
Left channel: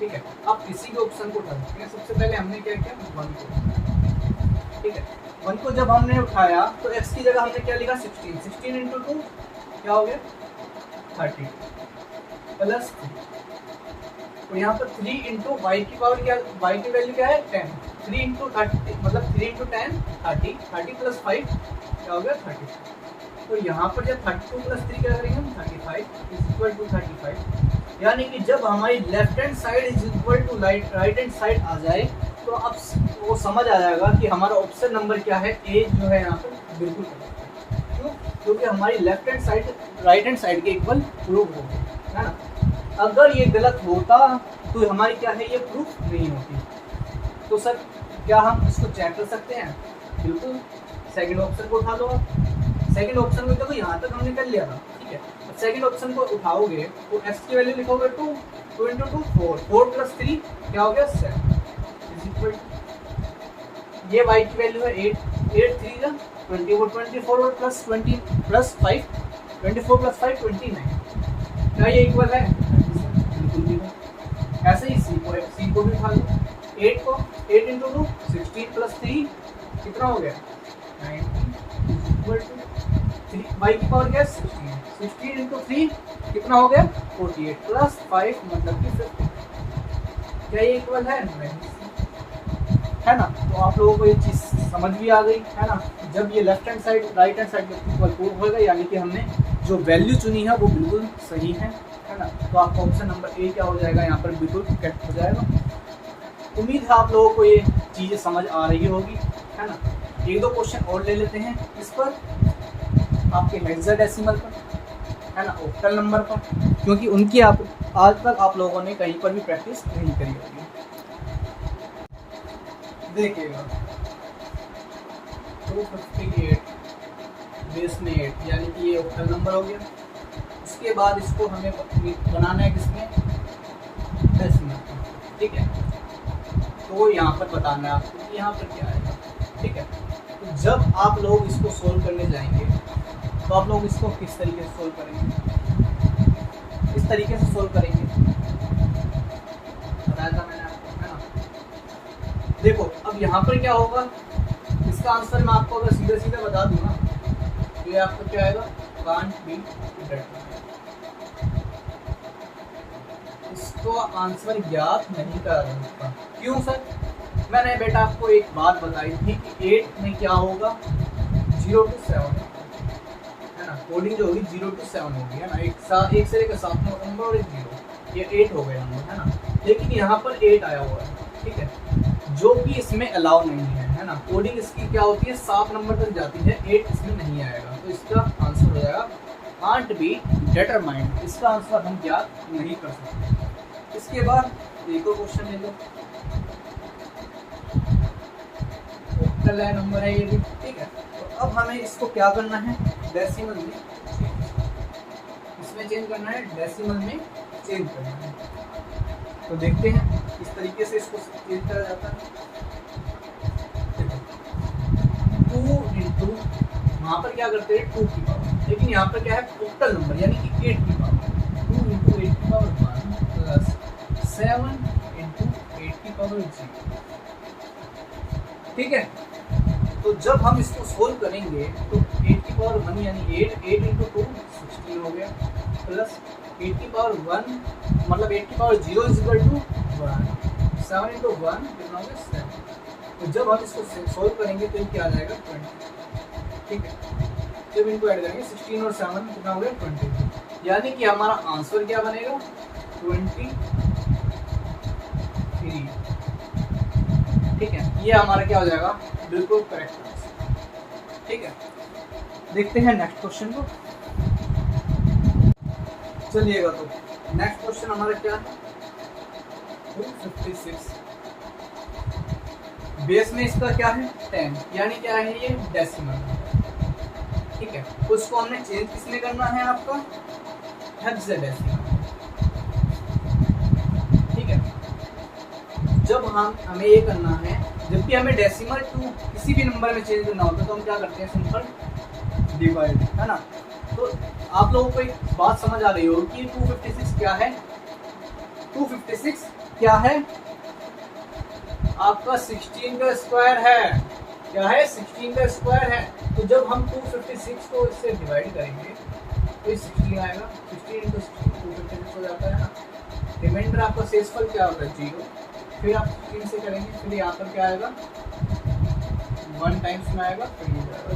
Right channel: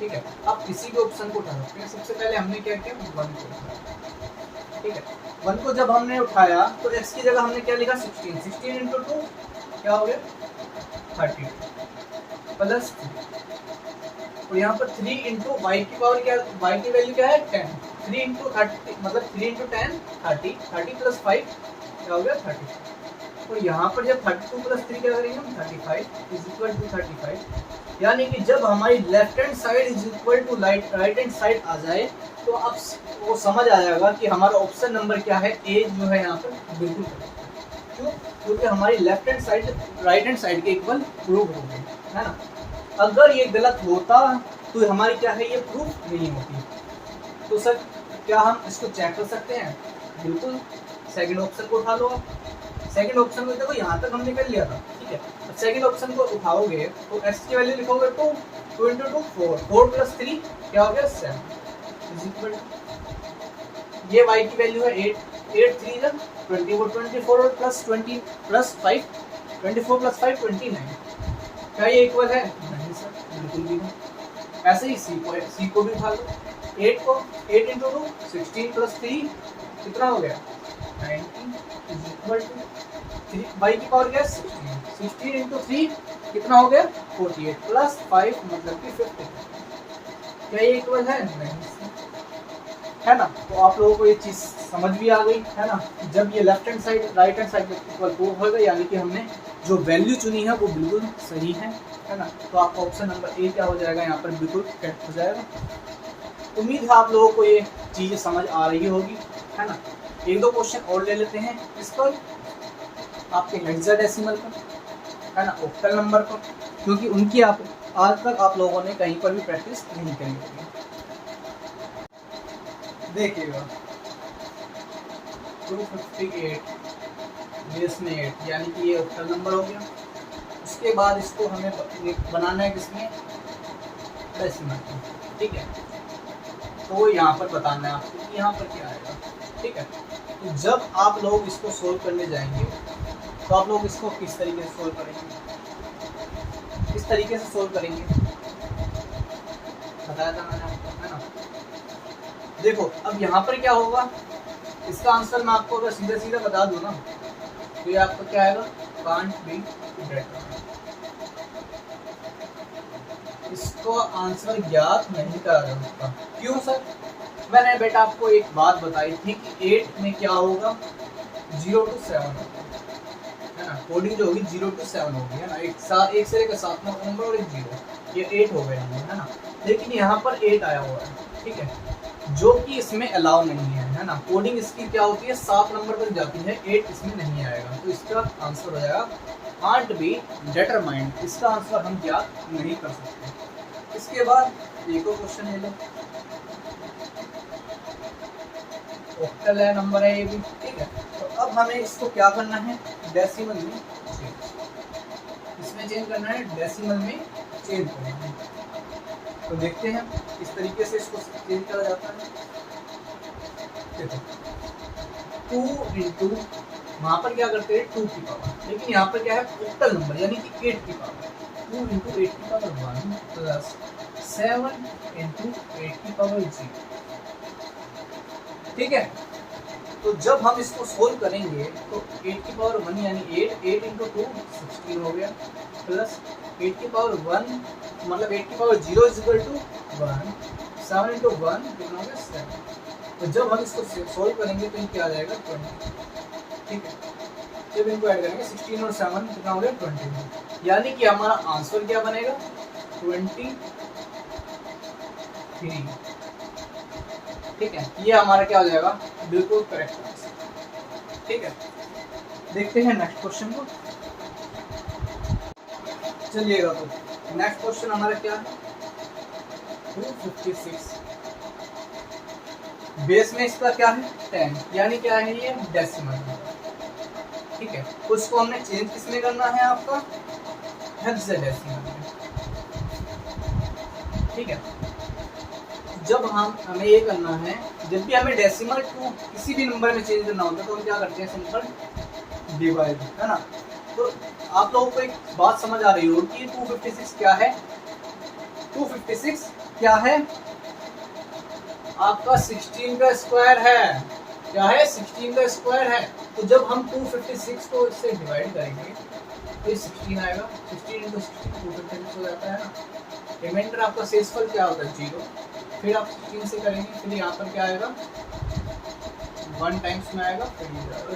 ठीक है, आप किसी भी ऑप्शन को उठा सकते हैं, सबसे पहले हमने क्या किया 1 को उठाया। ठीक है, 1 को जब हमने उठाया तो x की जगह हमने क्या लिखा 16 इंटू 2 क्या हो गया 30 प्लस 3 और यहाँ पर 3 इंटू वाई की पावर क्या, y की वैल्यू क्या है 10, 3 इंटू 30 मतलब 3 इंटू 10 30 प्लस 5 क्या हो गया 30 और यहाँ पर जब 32 प्लस 3 क्या करेंगे हम 35 इज इक्वल टू 35, यानी कि जब हमारी left hand side is equal to right hand side आ जाए तो अब वो समझ आ जाएगा कि हमारा ऑप्शन नंबर क्या है ए जो है यहाँ पर बिल्कुल क्यों, क्योंकि हमारी left hand side right hand side के इक्वल प्रूव हो गई है ना। अगर ये गलत होता तो हमारी क्या है ये प्रूफ नहीं होती। तो सर क्या हम इसको चेक कर सकते हैं? बिल्कुल, सेकंड ऑप्शन को उठा लो आप, सेकंड ऑप्शन को देखो यहाँ तक हमने कर लिया था। ठीक है, सेकंड ऑप्शन को उठाओगे तो x की वैल्यू लिखोगे 2 इंटू 2 4 प्लस 3 क्या हो गया 7 इज इक्वल, ये y की वैल्यू है 8 3 जा 24 और प्लस 20 प्लस 5 24 प्लस 5 29, क्या ये इक्वल है? बिल्कुल भी नहीं। ऐसे ही c को भी उठा लो, 8 इंटू 2 16 प्लस 3 कितना हो गया 19 इज इक्वल टू 3 y की पावर क्या है 16 इंटू 3 कितना हो गया 48 प्लस 5 मतलब कि 50, क्या ये इक्वल है? नहीं है ना। तो आप लोगों को ये चीज़ समझ भी आ गई है ना, जब ये left hand side right hand side equal prove होगा यानी कि हमने जो वैल्यू चुनी है वो बिल्कुल सही है ना। तो आपका ऑप्शन नंबर ए क्या हो जाएगा यहाँ पर बिल्कुल करेक्ट हो जाएगा। उम्मीद है आप लोगों को ये चीज़ें समझ आ रही होगी है ना। एक दो क्वेश्चन और ले लेते हैं इस पर, आपके हेक्साडेसिमल पर है ना, ऑक्टल नंबर पर, क्योंकि उनकी आप आज तक आप लोगों ने कहीं पर भी प्रैक्टिस नहीं करी होगी। देखिएगा 258 बेस में 8 यानी कि ये ऑक्टल नंबर हो गया। उसके बाद इसको हमें बनाना है किसमें, डेसिमल, ठीक है। तो यहाँ पर बताना है आपको कि यहाँ पर क्या आएगा, ठीक है। तो जब आप लोग इसको सोल्व करने जाएंगे तो आप लोग इसको किस तरीके से सोल्व करेंगे, इस तरीके से सोल्व करेंगे, बताया था मैंने आपको, है ना। देखो अब यहाँ पर क्या होगा, इसका आंसर मैं आपको अगर सीधे सीधे बता दूँ ना तो ये आपका क्या आएगा, कांट बी बेटर। इसको आंसर ज्ञात नहीं कर सकता। क्यों सर? मैंने बेटा आपको एक बात बताई थी कि 8 में क्या होगा, 0 to 7 है ना। कोडिंग जो होगी 0 to 7 होगी, है ना। एक से लेकर 7 नंबर और एक 0, ये 8 हो गए होंगे, है ना। लेकिन यहाँ पर 8 आया हुआ है, ठीक है, जो कि इसमें अलाउ नहीं है ना। कोडिंग इसकी क्या होती है, 7 नंबर तक जाती है, 8 इसमें नहीं आएगा। तो इसका आंसर हो जाएगा कांट बी डिटरमाइंड। इसका आंसर हम ज्ञात नहीं कर सकते। इसके बाद एक और क्वेश्चन ले लो, ऑक्टल है नंबर है ये भी, ठीक है। तो अब हमें इसको क्या करना है, डेसिमल में, इसमें चेंज करना है, डेसिमल में चेंज करना है। तो देखते हैं किस तरीके से इसको चेंज करा जाता है। 2 इंटू वहाँ पर क्या करते हैं 2 की पावर, लेकिन यहाँ पर क्या है ऑक्टल नंबर यानी कि 8 की पावर, 2 इंटू 8 की पावर 1 प्लस 7 इंटू 8 की पावर 0, ठीक है। तो जब हम इसको सोल्व करेंगे तो 8 की पावर 1 यानी 8 इंटू 2 16 हो गया, प्लस 8 की पावर 1 मतलब 8 की power 0 is equal to 1, 7 into 1 कितना हो गया 7। तो जब हम इसको सोल्व करेंगे तो ये क्या आ जाएगा 20, ठीक है। जब इनको ऐड करेंगे 16 और 7 कितना हो गया 20, यानी कि हमारा आंसर क्या बनेगा 23, ठीक है। ये हमारा क्या हो जाएगा, बिल्कुल करेक्ट आंसर, ठीक है। देखते हैं नेक्स्ट क्वेश्चन को, चलिएगा। तो नेक्स्ट क्वेश्चन हमारा क्या है, 256 बेस में इसका क्या है 10, यानी क्या है ये डेसिमल, ठीक है। उसको हमने चेंज किसमें करना है, आपका हेक्साडेसिमल, ठीक है। जब हमें ये करना है, जब भी हमें डेसिमल टू किसी भी नंबर में चेंज करना होता है तो हम क्या करते हैं, सिंपल डिवाइड, है ना। तो आप लोगों को एक बात समझ आ रही होगी कि 256 क्या है, 256 क्या है, आपका 16 का स्क्वायर है, क्या है 16 का स्क्वायर है। तो जब हम 256 को इससे डिवाइड करेंगे तो 16 आएगा, 16 इंटू 16 256 हो जाता है ना। रिमाइंडर आपका शेषफल क्या होता है 0, फिर आप 16 से करेंगे, फिर यहाँ पर क्या आएगा 1 टाइम्स में आएगा, फिर ये जाएगा।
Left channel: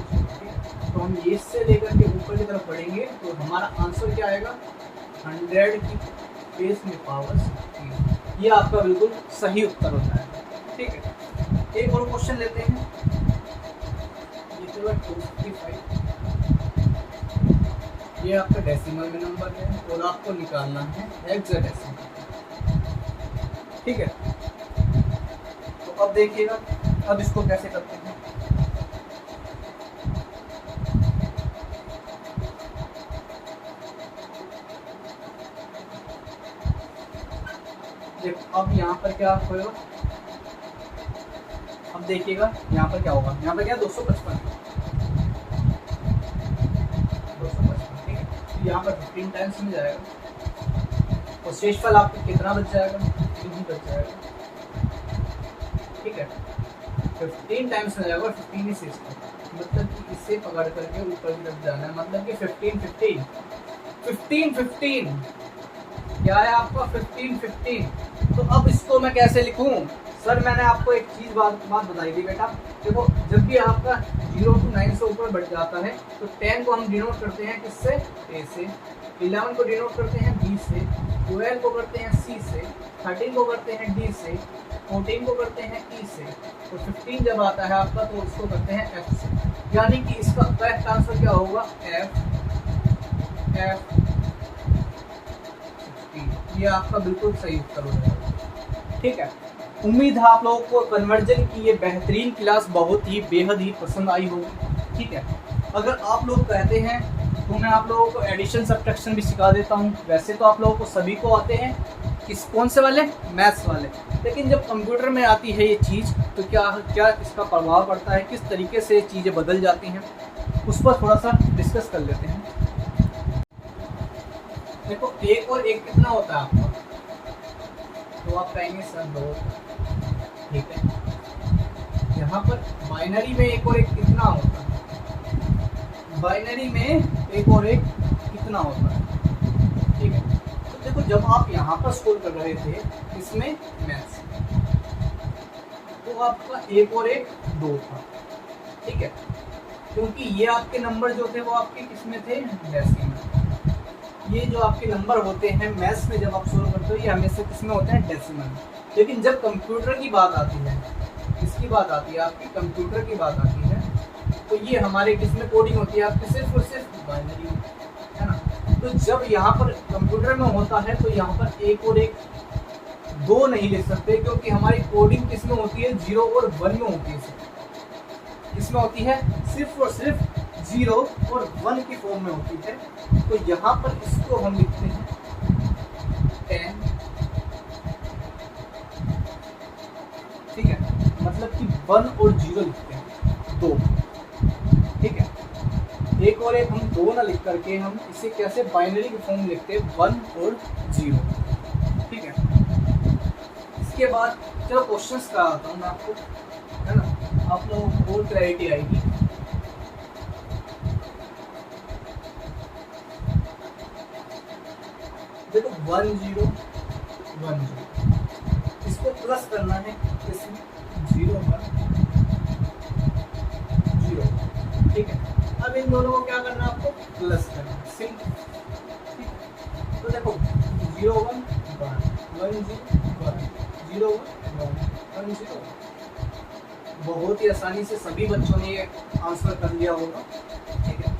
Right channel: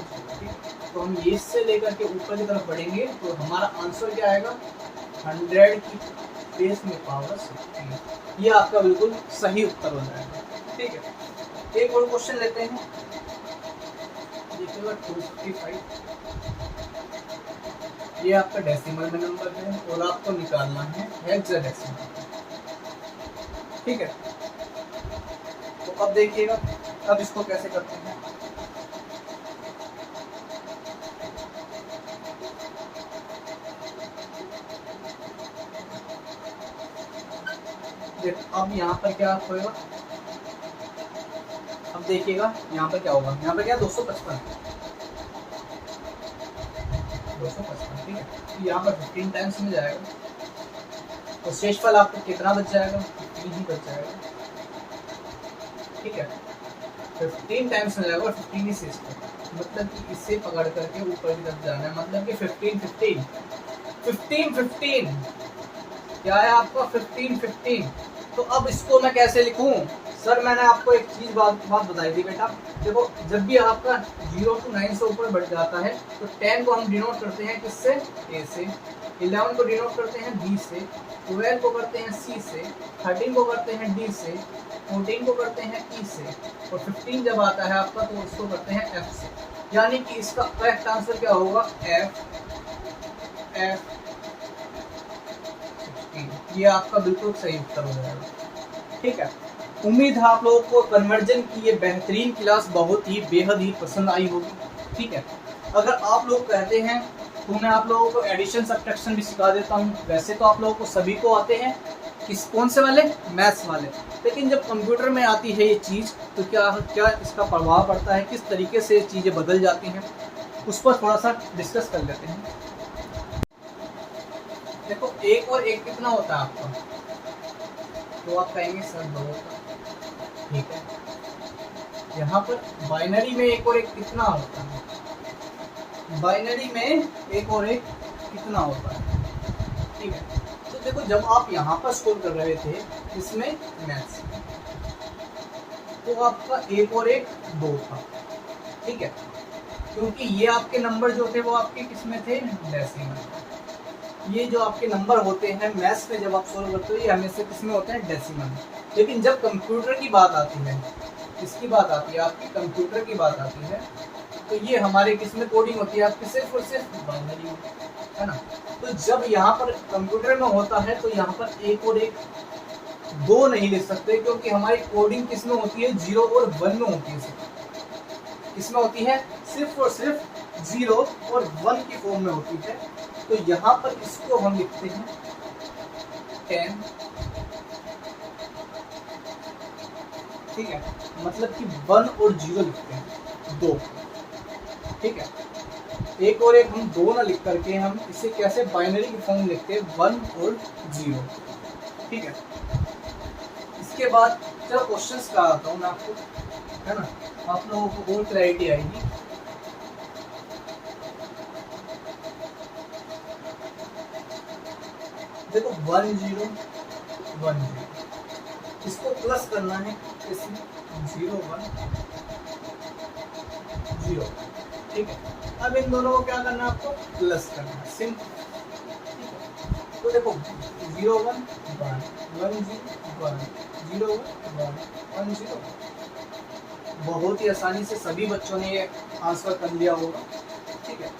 तो हम ये से लेकर के ऊपर की तरफ बढ़ेंगे तो हमारा आंसर क्या आएगा 100 की बेस में पावर 16, ये आपका बिल्कुल सही उत्तर हो जाएगा, ठीक है। एक और क्वेश्चन लेते हैं, देखिएगा 255, ये आपका डेसिमल में नंबर है और आपको निकालना है हेक्साडेसिमल, ठीक है। तो अब देखिएगा अब इसको कैसे करते हैं। अब यहाँ पर क्या होगा, अब देखिएगा यहाँ पर क्या होगा, यहाँ पर क्या 255, ठीक है। तो यहाँ पर 15 टाइम्स में जाएगा और शेषफल आपको कितना बच जाएगा, 15 ही बच जाएगा, ठीक है। 15 टाइम्स में जाएगा और 15 ही शेषफल, मतलब कि इसे पकड़ करके ऊपर की तरफ जाना है, मतलब कि 15 क्या है आपका 15। तो अब इसको मैं कैसे लिखूं सर, मैंने आपको एक चीज बात बताई थी बेटा। देखो जब भी आपका 0 to 9 से ऊपर बढ़ जाता है तो 10 को हम डिनोट करते हैं किससे, ए से, 11 को डिनोट करते हैं बी से, 12 को करते हैं सी से, 13 को करते हैं डी से, 14 को करते हैं ई से, और 15 जब आता है आपका तो उसको करते हैं एफ से। यानी कि इसका करेक्ट आंसर क्या होगा, एफ। ये आपका बिल्कुल सही उत्तर हो जाएगा। ठीक है, उम्मीद है आप लोगों को कन्वर्जन की ये बेहतरीन क्लास बहुत ही बेहद ही पसंद आई होगी। ठीक है, अगर आप लोग कहते हैं तो मैं आप लोगों को एडिशन सब्ट्रैक्शन भी सिखा देता हूँ। वैसे तो आप लोगों को सभी को आते हैं, किस कौन से वाले, मैथ्स वाले, लेकिन जब कंप्यूटर में आती है ये चीज़ तो क्या इसका प्रभाव पड़ता है, किस तरीके से चीज़ें बदल जाती हैं, उस पर थोड़ा सा डिस्कस कर लेते हैं। देखो, एक और एक कितना होता है आपका, तो आप कहेंगे सर 2। ठीक है, यहाँ पर बाइनरी में एक और एक कितना होता है, बाइनरी में एक और एक कितना होता है। ठीक है, तो देखो जब आप यहाँ पर स्कोर कर रहे थे इसमें मैथ्स, तो आपका एक और एक 2 था। ठीक है, क्योंकि ये आपके नंबर जो थे वो आपके किसमें थे, डेसिमल। ये जो आपके नंबर होते हैं मैथ्स में जब आप सोल्व करते हो ये हमेशा किसमें होते हैं, डेसिमल। लेकिन जब कंप्यूटर की बात आती है, किसकी बात आती है, आपकी कंप्यूटर की बात आती है, तो ये हमारे किसमें कोडिंग होती है, आपकी सिर्फ और सिर्फ बाइनरी में, है ना। तो जब यहाँ पर कंप्यूटर में होता है तो यहाँ पर एक और एक 2 नहीं लिख सकते, क्योंकि हमारी कोडिंग किसमें होती है, 0 और 1 में होती है। किसमें होती है, सिर्फ और सिर्फ 0 और 1 की फॉर्म में होती है। तो यहाँ पर इसको हम लिखते हैं 10। ठीक है, मतलब कि 1 और 0 लिखते हैं 2। ठीक है, एक और एक हम 2 ना लिख करके हम इसे कैसे बाइनरी की फॉर्म लिखते हैं, 1 और 0। ठीक है, इसके बाद चलो क्वेश्चंस कराता हूँ मैं आपको, है ना, आप लोगों को और क्लैरिटी आएगी। देखो 1 0 1 0, इसको प्लस करना है, इसमें 0 1 0। ठीक है, अब इन दोनों को क्या करना है, आपको प्लस करना है, सिंपल। तो देखो 0 1 1 1 0 1 0 1 1 0। बहुत ही आसानी से सभी बच्चों ने ये आंसर कर लिया होगा। ठीक है,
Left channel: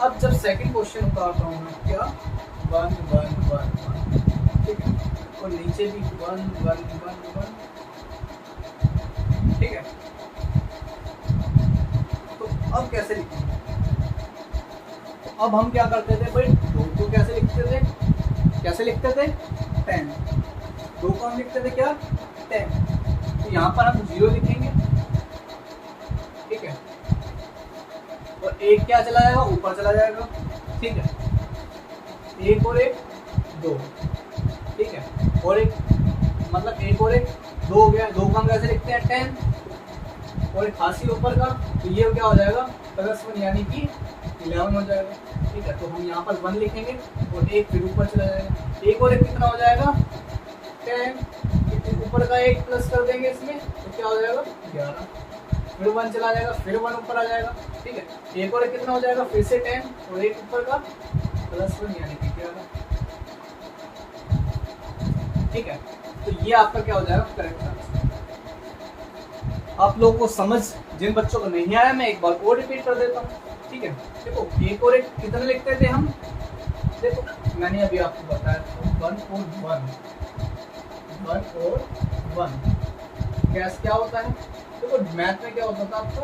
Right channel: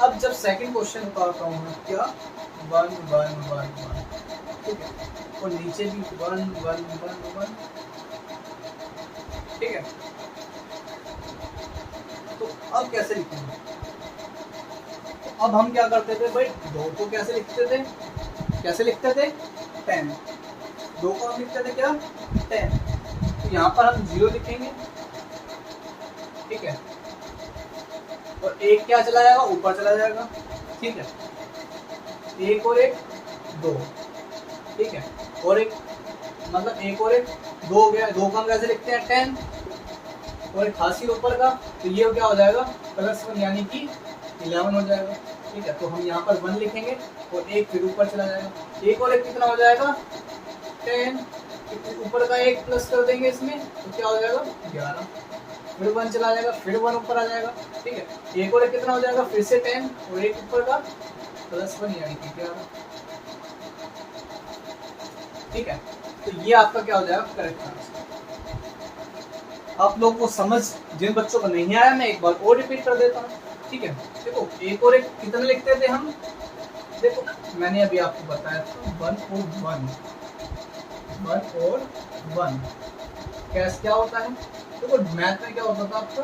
अब जब सेकंड क्वेश्चन उतारता हूँ मैं, क्या 1 1 1 1। ठीक है, और नीचे भी 1 1 1 1। ठीक है, तो अब कैसे लिखेंगे, तो अब हम क्या करते थे भाई, 2 को कैसे लिखते थे, 10। 2 को हम लिखते थे क्या, 10। तो यहाँ पर हम 0 लिखेंगे। ठीक है, और एक क्या चला जाएगा, ऊपर चला जाएगा। ठीक है, एक और एक 2। ठीक है, और एक मतलब एक और एक 2 हो गया। 2 को हम कैसे लिखते हैं, 10, और एक हासिल ऊपर का, तो ये क्या हो जाएगा, +1 यानी कि 11 हो जाएगा। ठीक है, तो हम यहाँ पर 1 लिखेंगे और एक फिर ऊपर चला जाएगा। एक और एक कितना हो जाएगा, 10, ऊपर का एक प्लस कर देंगे इसमें, तो क्या हो जाएगा, 11। फिर 1 चला जाएगा, फिर 1 ऊपर आ जाएगा। ठीक है, एक और एक कितना हो जाएगा, फिर से 10 और एक ऊपर का +1 यानी कि 11। ठीक है, तो ये आपका क्या हो जाएगा, करेक्ट आंसर। आप लोगों को समझ, जिन बच्चों को नहीं आया मैं एक बार और रिपीट कर देता हूँ। ठीक है, देखो एक और एक कितने लिखते थे हम, देखो मैंने अभी आपको बताया था 1 और 1 कैसे क्या होता है। देखो मैथ में क्या होता था आपका,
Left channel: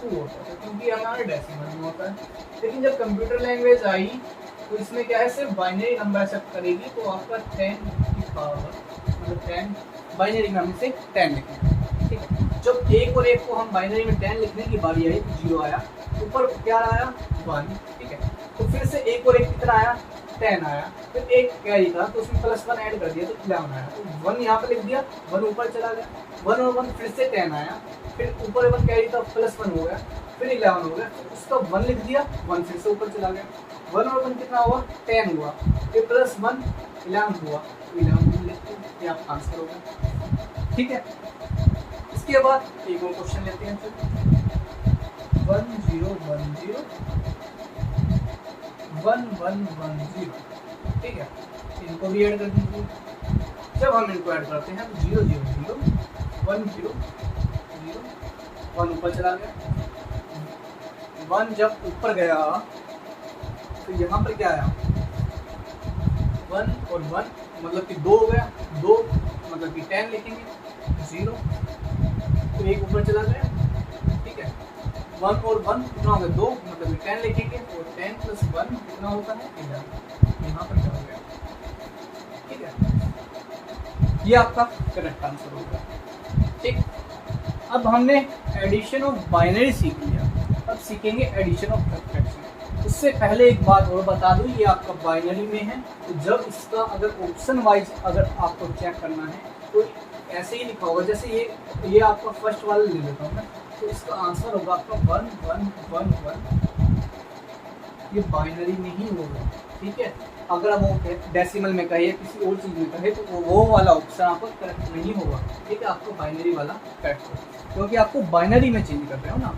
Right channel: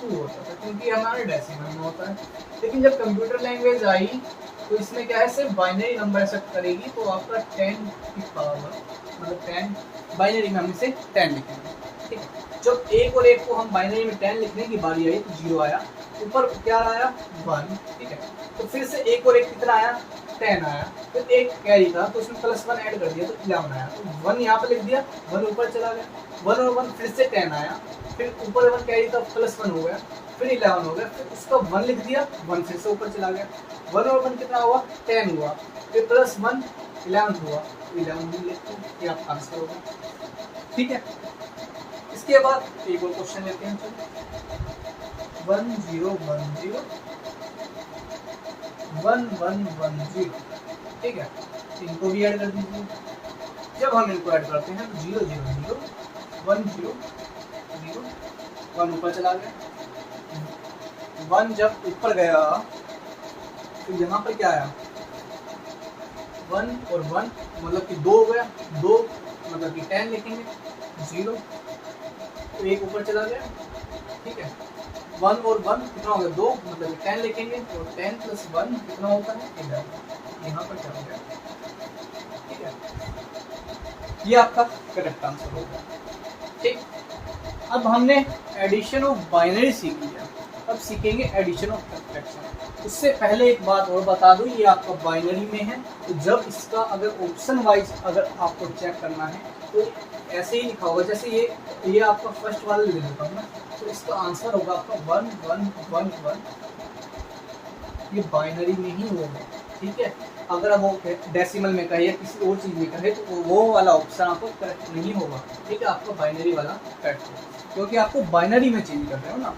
2 होता था, क्योंकि हमारे डेसिमल में होता है। लेकिन जब कंप्यूटर लैंग्वेज आई तो इसमें क्या है, सिर्फ बाइनरी नंबर एक्सेप्ट करेगी, तो आपका 10 की पावर मतलब 10 बाइनरी में हम इसे 10 लिखेंगे। ठीक है, जब एक और एक को हम बाइनरी में 10 लिखने की बारी आई तो 0 आया, ऊपर क्या आया, 1। ठीक है, तो फिर से एक और एक कितना आया, 10 आया, फिर एक कैरी था तो उसमें +1 ऐड कर दिया तो 11 आया। तो 1 यहाँ पे लिख दिया, 1 ऊपर चला गया, 1 और 1 फिर से 10 आया, फिर ऊपर 1 कैरी था, +1 हो गया, फिर 11 हो गया, फिर उसका 1 लिख दिया, 1 फिर से ऊपर चला गया, 1 और 1 कितना हुआ, 10 हुआ, फिर +1 11 हुआ, 11 लिख के आपका आंसर होगा। ठीक है, इसके बाद एक और क्वेश्चन लेते हैं, 1 0 1 0 1 1 1 0। ठीक है, इनको भी ऐड कर दीजिए। जब हम इनको ऐड करते हैं तो 0 0 0 1 0 0 1 ऊपर चला गया, 1 जब ऊपर गया तो यहाँ पर क्या आया, 1 और 1 मतलब कि 2 हो गया, 2 मतलब कि 10 लिखेंगे, 0 तो 1 ऊपर चला गया, ठीक है। 1 और 1 कितना हो गया, 2 मतलब कि 10 लिखेंगे, और 10 + 1 कितना होता है, 11, यहाँ पर क्या हो गया, ठीक है। ये आपका करेक्ट आंसर होगा, ठीक। अब हमने एडिशन ऑफ बाइनरी सीख लिया, अब सीखेंगे एडिशन ऑफ सब्ट्रैक्शन। उससे पहले एक बात और बता दूं, ये आपका बाइनरी में है, तो जब इसका अगर ऑप्शन वाइज अगर आपको चेक करना है तो ऐसे ही लिखा होगा, जैसे ये आपका फर्स्ट वाला ले लेता हूँ मैं, तो इसका आंसर होगा आपका 1 1 1 1, ये बाइनरी में ही होगा, ठीक है। अगर हम डेसिमल में कहे या किसी और चीज़ में कहे तो वो वाला ऑप्शन आपका करेक्ट नहीं होगा, ठीक है, आपका बाइनरी वाला करेक्ट होगा, क्योंकि आपको बाइनरी में चेंज कर रहे हो ना,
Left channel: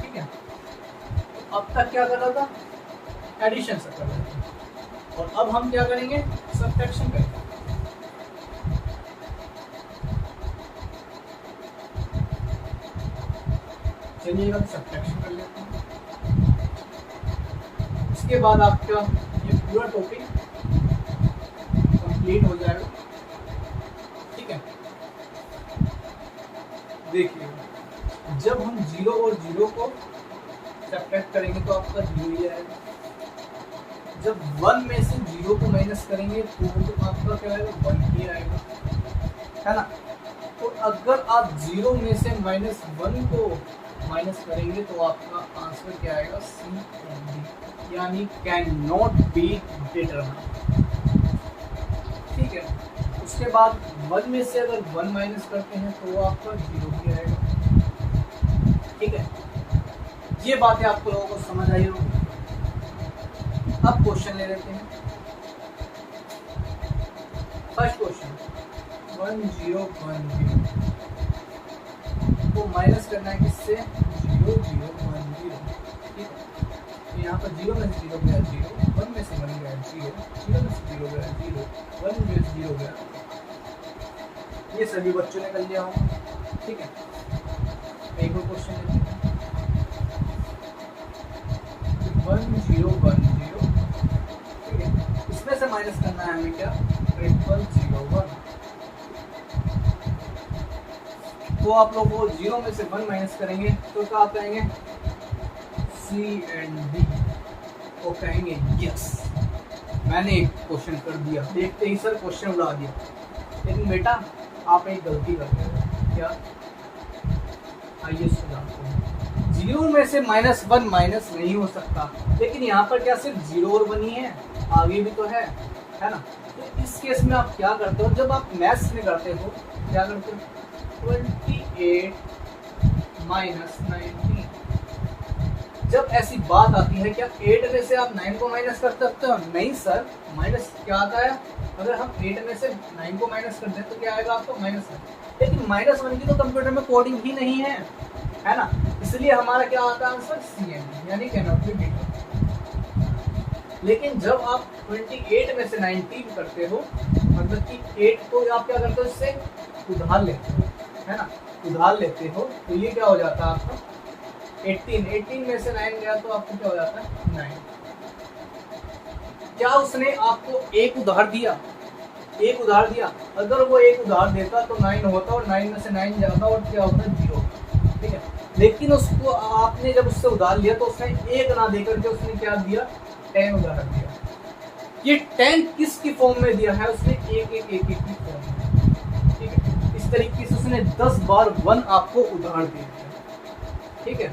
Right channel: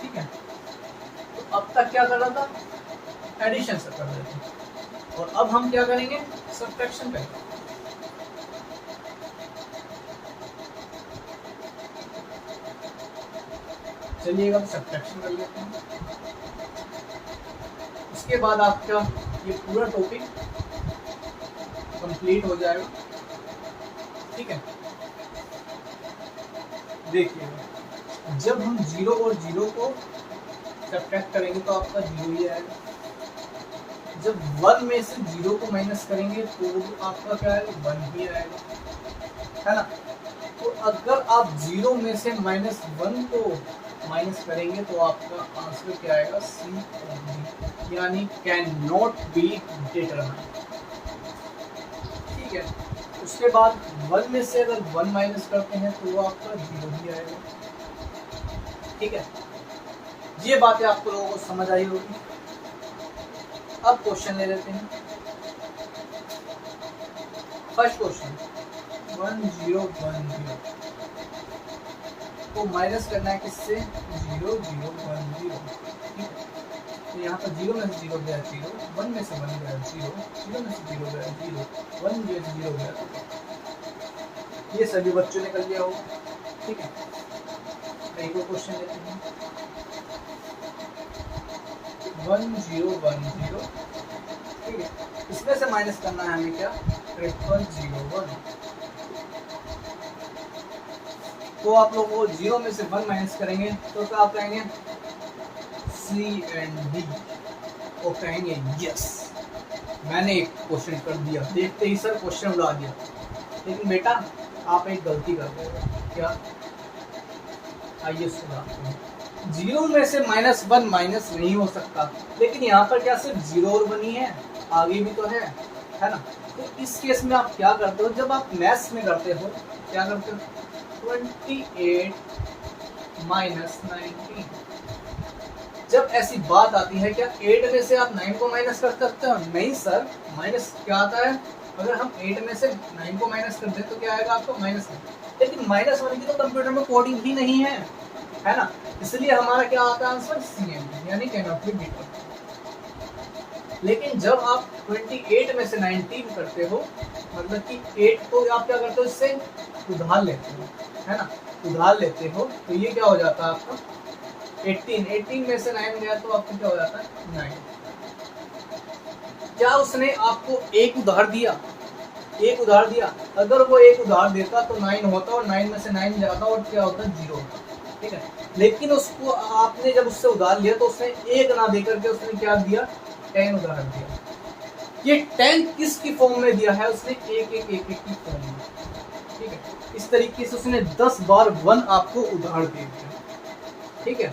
ठीक है। तो अब तक क्या कर रहा था, एडिशन से कर रहे थे, और अब हम क्या करेंगे, सब्ट्रैक्शन करेंगे। चलिए अब सब्ट्रैक्शन कर लेते हैं, उसके बाद आपका ये पूरा टॉपिक कंप्लीट हो जाएगा, ठीक है। देखिए जब हम 0 और 0 को सब्ट्रैक्ट करेंगे तो आपका 0 ही आएगा, जब 1 में से 0 को माइनस करेंगे तो आपका क्या आएगा, 1 ही आएगा, है ना। तो अगर आप 0 में से -1 को माइनस करेंगे तो आपका आंसर क्या आएगा, C, यानी कैन नॉट बी डिटरमाइंड, ठीक है। उसके बाद 1 में से अगर 1 माइनस करते हैं तो वो आपका 0 ही आएगा, ठीक है। ये बातें आप लोगों को समझ आई होगी। अब क्वेश्चन ले लेते हैं। फर्स्ट क्वेश्चन 1 0 1 0 तो माइनस करना है किससे, 0 0 1 0, ठीक है। तो यहाँ पर 0 में से 0 गया 0, 1 में से 1 गया 0, 0 में से 0 गया 0, 1 में से 0 गया, ये सभी बच्चों ने कर लिया होगा, ठीक है। एक और क्वेश्चन लेते हैं 1 0 1 0, ठीक है। इसमें से माइनस करना है हमें क्या, 0 0 1, तो आप लोग वो 0 में से 1 माइनस करेंगे तो क्या आप कहेंगे, C and D, वो कहेंगे यस मैंने एक क्वेश्चन कर दिया, देखते ही सर क्वेश्चन उड़ा दिया। लेकिन बेटा आप एक गलती कर रहे हो, क्या, आइए सुधारते हैं। 0 में से -1 माइनस नहीं हो सकता, लेकिन यहाँ पर क्या सिर्फ 0 और 1 ही है, आगे भी तो है ना। तो इस केस में आप क्या करते हो, जब आप मैथ्स में करते हो क्या करते हो, 28 - 19, जब ऐसी बात आती है क्या 8 में से आप 9 को माइनस कर सकते हो, नहीं सर, माइनस क्या आता है, अगर हम 8 में से 9 को माइनस कर दें तो क्या आएगा आपको, -1, लेकिन -1 की तो कंप्यूटर में कोडिंग ही नहीं है ना, इसलिए हमारा क्या आता है आंसर, CM, यानी कैन नॉट बी बीटन। लेकिन जब आप 28 में से 19 करते हो, मतलब कि 8 को आप क्या करते हो, इससे उधार लेते हो, है ना, उधार लेते हो, तो ये क्या हो जाता है आपका 18 में से 9 गया तो आपको क्या हो जाता है, 9। क्या उसने आपको एक उधार दिया, अगर वो एक उधार देता तो 9 होता और 9 में से 9 जाता और क्या होता, 0, ठीक है। लेकिन उसको आपने जब उससे उधार लिया तो उसने 1 ना देकर के उसने क्या दिया, 10 उधार दिया। ये 10 किसकी फॉर्म में दिया है, उसने 1 की फॉर्म में, ठीक है। इस तरीके से उसने 10 बार 1 आपको उधार दे दिया, ठीक है,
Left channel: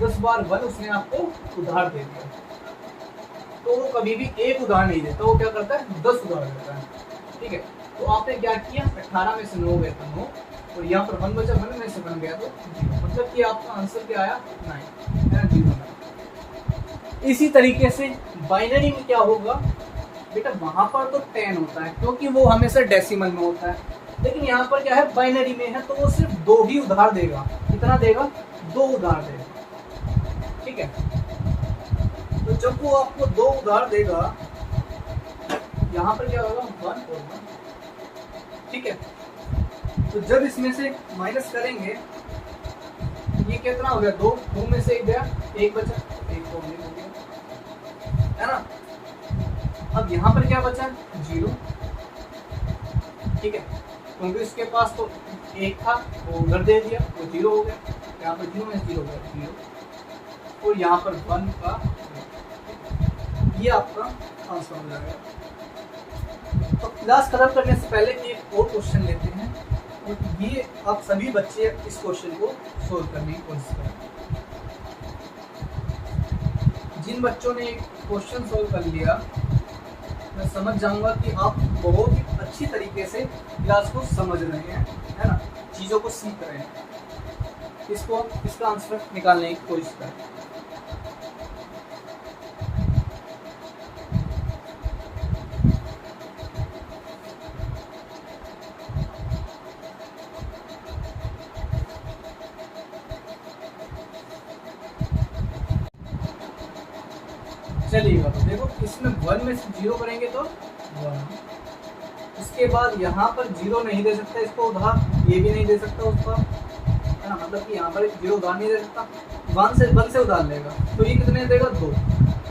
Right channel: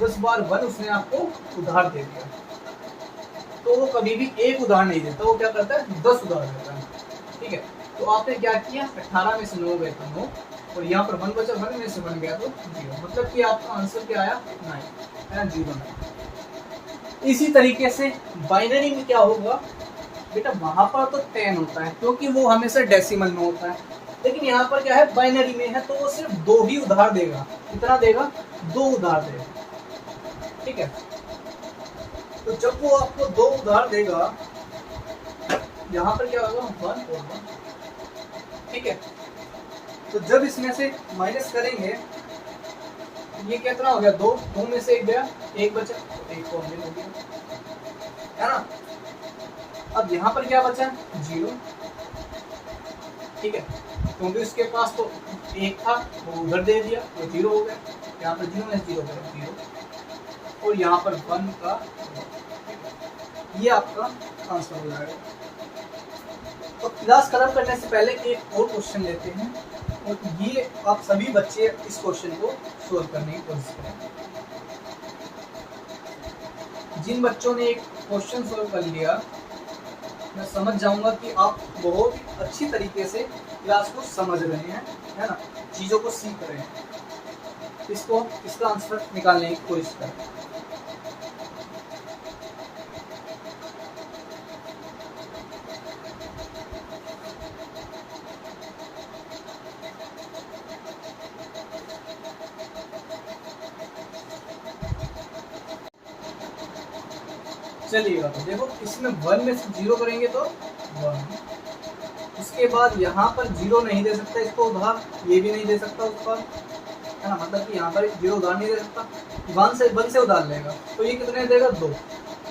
10 बार 1 उसने आपको उधार दे दिया। तो वो कभी भी एक उधार नहीं देता, वो क्या करता है, 10 उधार देता है, ठीक है। तो आपने क्या किया, 18 में से 9 गए तो 9, और यहाँ पर 1 बचा, 1 में से 1 गया तो 0, मतलब कि आपका आंसर क्या आया, 9, है ना, 0। इसी तरीके से बाइनरी में क्या होगा बेटा, वहां पर तो 10 होता है क्योंकि वो हमेशा डेसिमल में होता है, लेकिन यहाँ पर क्या है, बाइनरी में है तो वो सिर्फ 2 ही उधार देगा, कितना देगा, 2 उधार देगा, ठीक है। तो जब वो आपको 2 उधार देगा, यहाँ पर क्या होगा, 1 और 1, ठीक है। तो जब इसमें से माइनस करेंगे, ये कितना हो गया, 2 में से 1 गया, 1 बचा, 1 कॉमन हो गया, है ना। अब यहाँ पर क्या बचा, 0, ठीक है, क्योंकि उसके पास तो 1 था वो उधर दे दिया तो 0 हो गया, यहाँ पर 0 में 0 गया 0, और यहाँ पर 1 का, ये आपका आंसर हो जाएगा। तो क्लास खत्म करने से पहले एक और क्वेश्चन लेते हैं, और ये आप सभी बच्चे इस क्वेश्चन को सोल्व करने की कोशिश करें। जिन बच्चों ने एक क्वेश्चन सोल्व कर लिया, मैं समझ जाऊंगा कि आप बहुत ही अच्छी तरीके से क्लास को समझ रहे हैं, है ना, चीज़ों को सीख रहे हैं। इसका आंसर निकालने की कोशिश करें। चलिएगा, तो देखो इसमें 1 में से 0 करेंगे तो 1, उसके बाद यहाँ पर 0 नहीं दे सकता इसको उधार, ये भी नहीं दे सकता उस पर, है ना, मतलब कि यहाँ पर 0 उधार नहीं दे सकता, 1 से उधार लेगा तो ये कितने देगा, 2,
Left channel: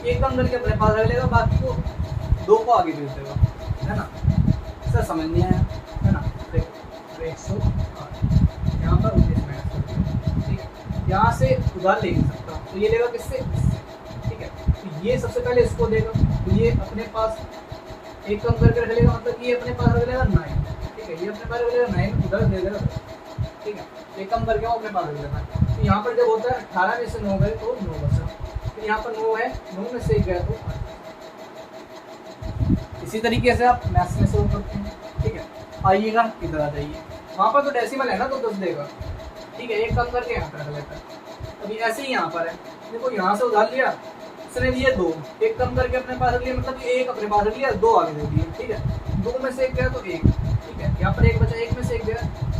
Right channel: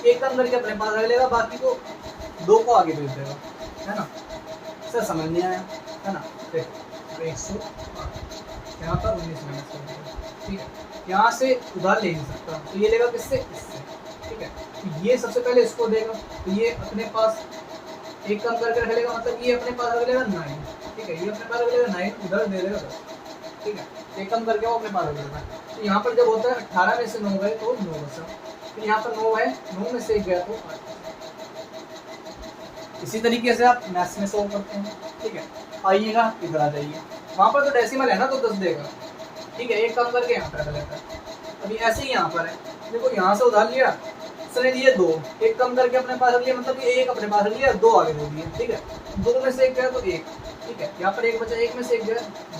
एक कम करके अपने पास रख लेगा, बाकी को 2 को आगे दे देगा, है ना। सर समझ नहीं आया, है ना। देखो 108 यहाँ पर 19 माइनस कर दिया, ठीक है, यहाँ से उधार ले नहीं सकता तो ये लेगा किससे, इससे, ठीक है। तो ये सबसे पहले इसको देगा, तो ये अपने पास एक कम करके रख लेगा, मतलब ये अपने पास रख लेगा 9, ठीक है, ये अपने पास रख लेगा 9, उधर दे देगा 10, ठीक है, एक कम करके वो अपने पास रख लेगा। तो यहाँ पर जब होता है 18 में से 9 गए तो 9 बचा, तो यहाँ पर 9 है, 9 में से 1 गया तो 8। इसी तरीके से आप मैथ्स में सोल्व करते हैं, ठीक है। आइएगा इधर आ जाइए, वहाँ पर तो डेसिमल है ना तो 10 देगा, ठीक है, एक कम करके यहाँ पर रख लेता है। अभी ऐसे ही यहाँ पर है, देखो यहाँ से उधार लिया, उसने दिए 2, एक कम करके अपने पास रख लिया, मतलब कि 1 अपने पास रख लिया, 2 आगे दे दिए, ठीक है, 2 में से 1 गया तो 1, ठीक है, यहाँ पर 1 बचा, 1 में से 1 गया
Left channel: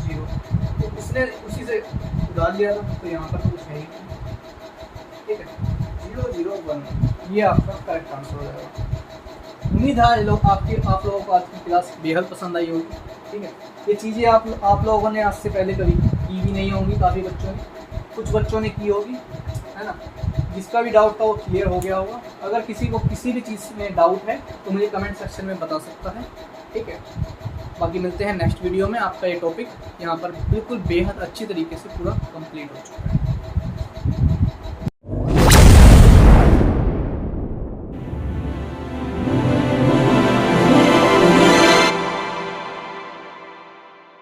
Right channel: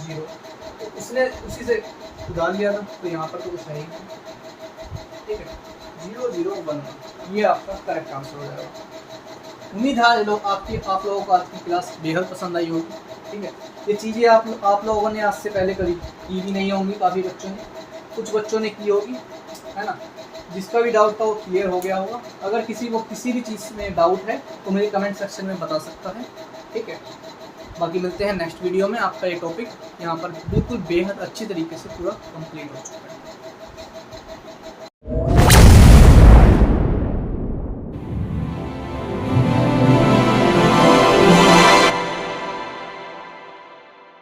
0, तो उसने उसी से उधार लिया था, तो यहाँ पर तो कुछ है ही नहीं, ठीक है, 0 0 1, ये आपका करेक्ट आंसर हो जाएगा। उम्मीद है आप लोगों को आज की क्लास बेहद पसंद आई होगी, ठीक है। ये चीज़ें आप लोगों ने आज से पहले कभी की भी नहीं होंगी, काफ़ी बच्चों ने, कुछ बच्चों ने की होगी, है ना। जिसका भी डाउट था वो क्लियर हो गया होगा। अगर किसी को किसी भी चीज़ में डाउट है तो मुझे कमेंट सेक्शन में बता सकता है, ठीक है। बाकी मिलते हैं नेक्स्ट वीडियो में। आपका ये टॉपिक यहाँ पर बिल्कुल बेहद अच्छी तरीके से पूरा कंप्लीट हो चुका है।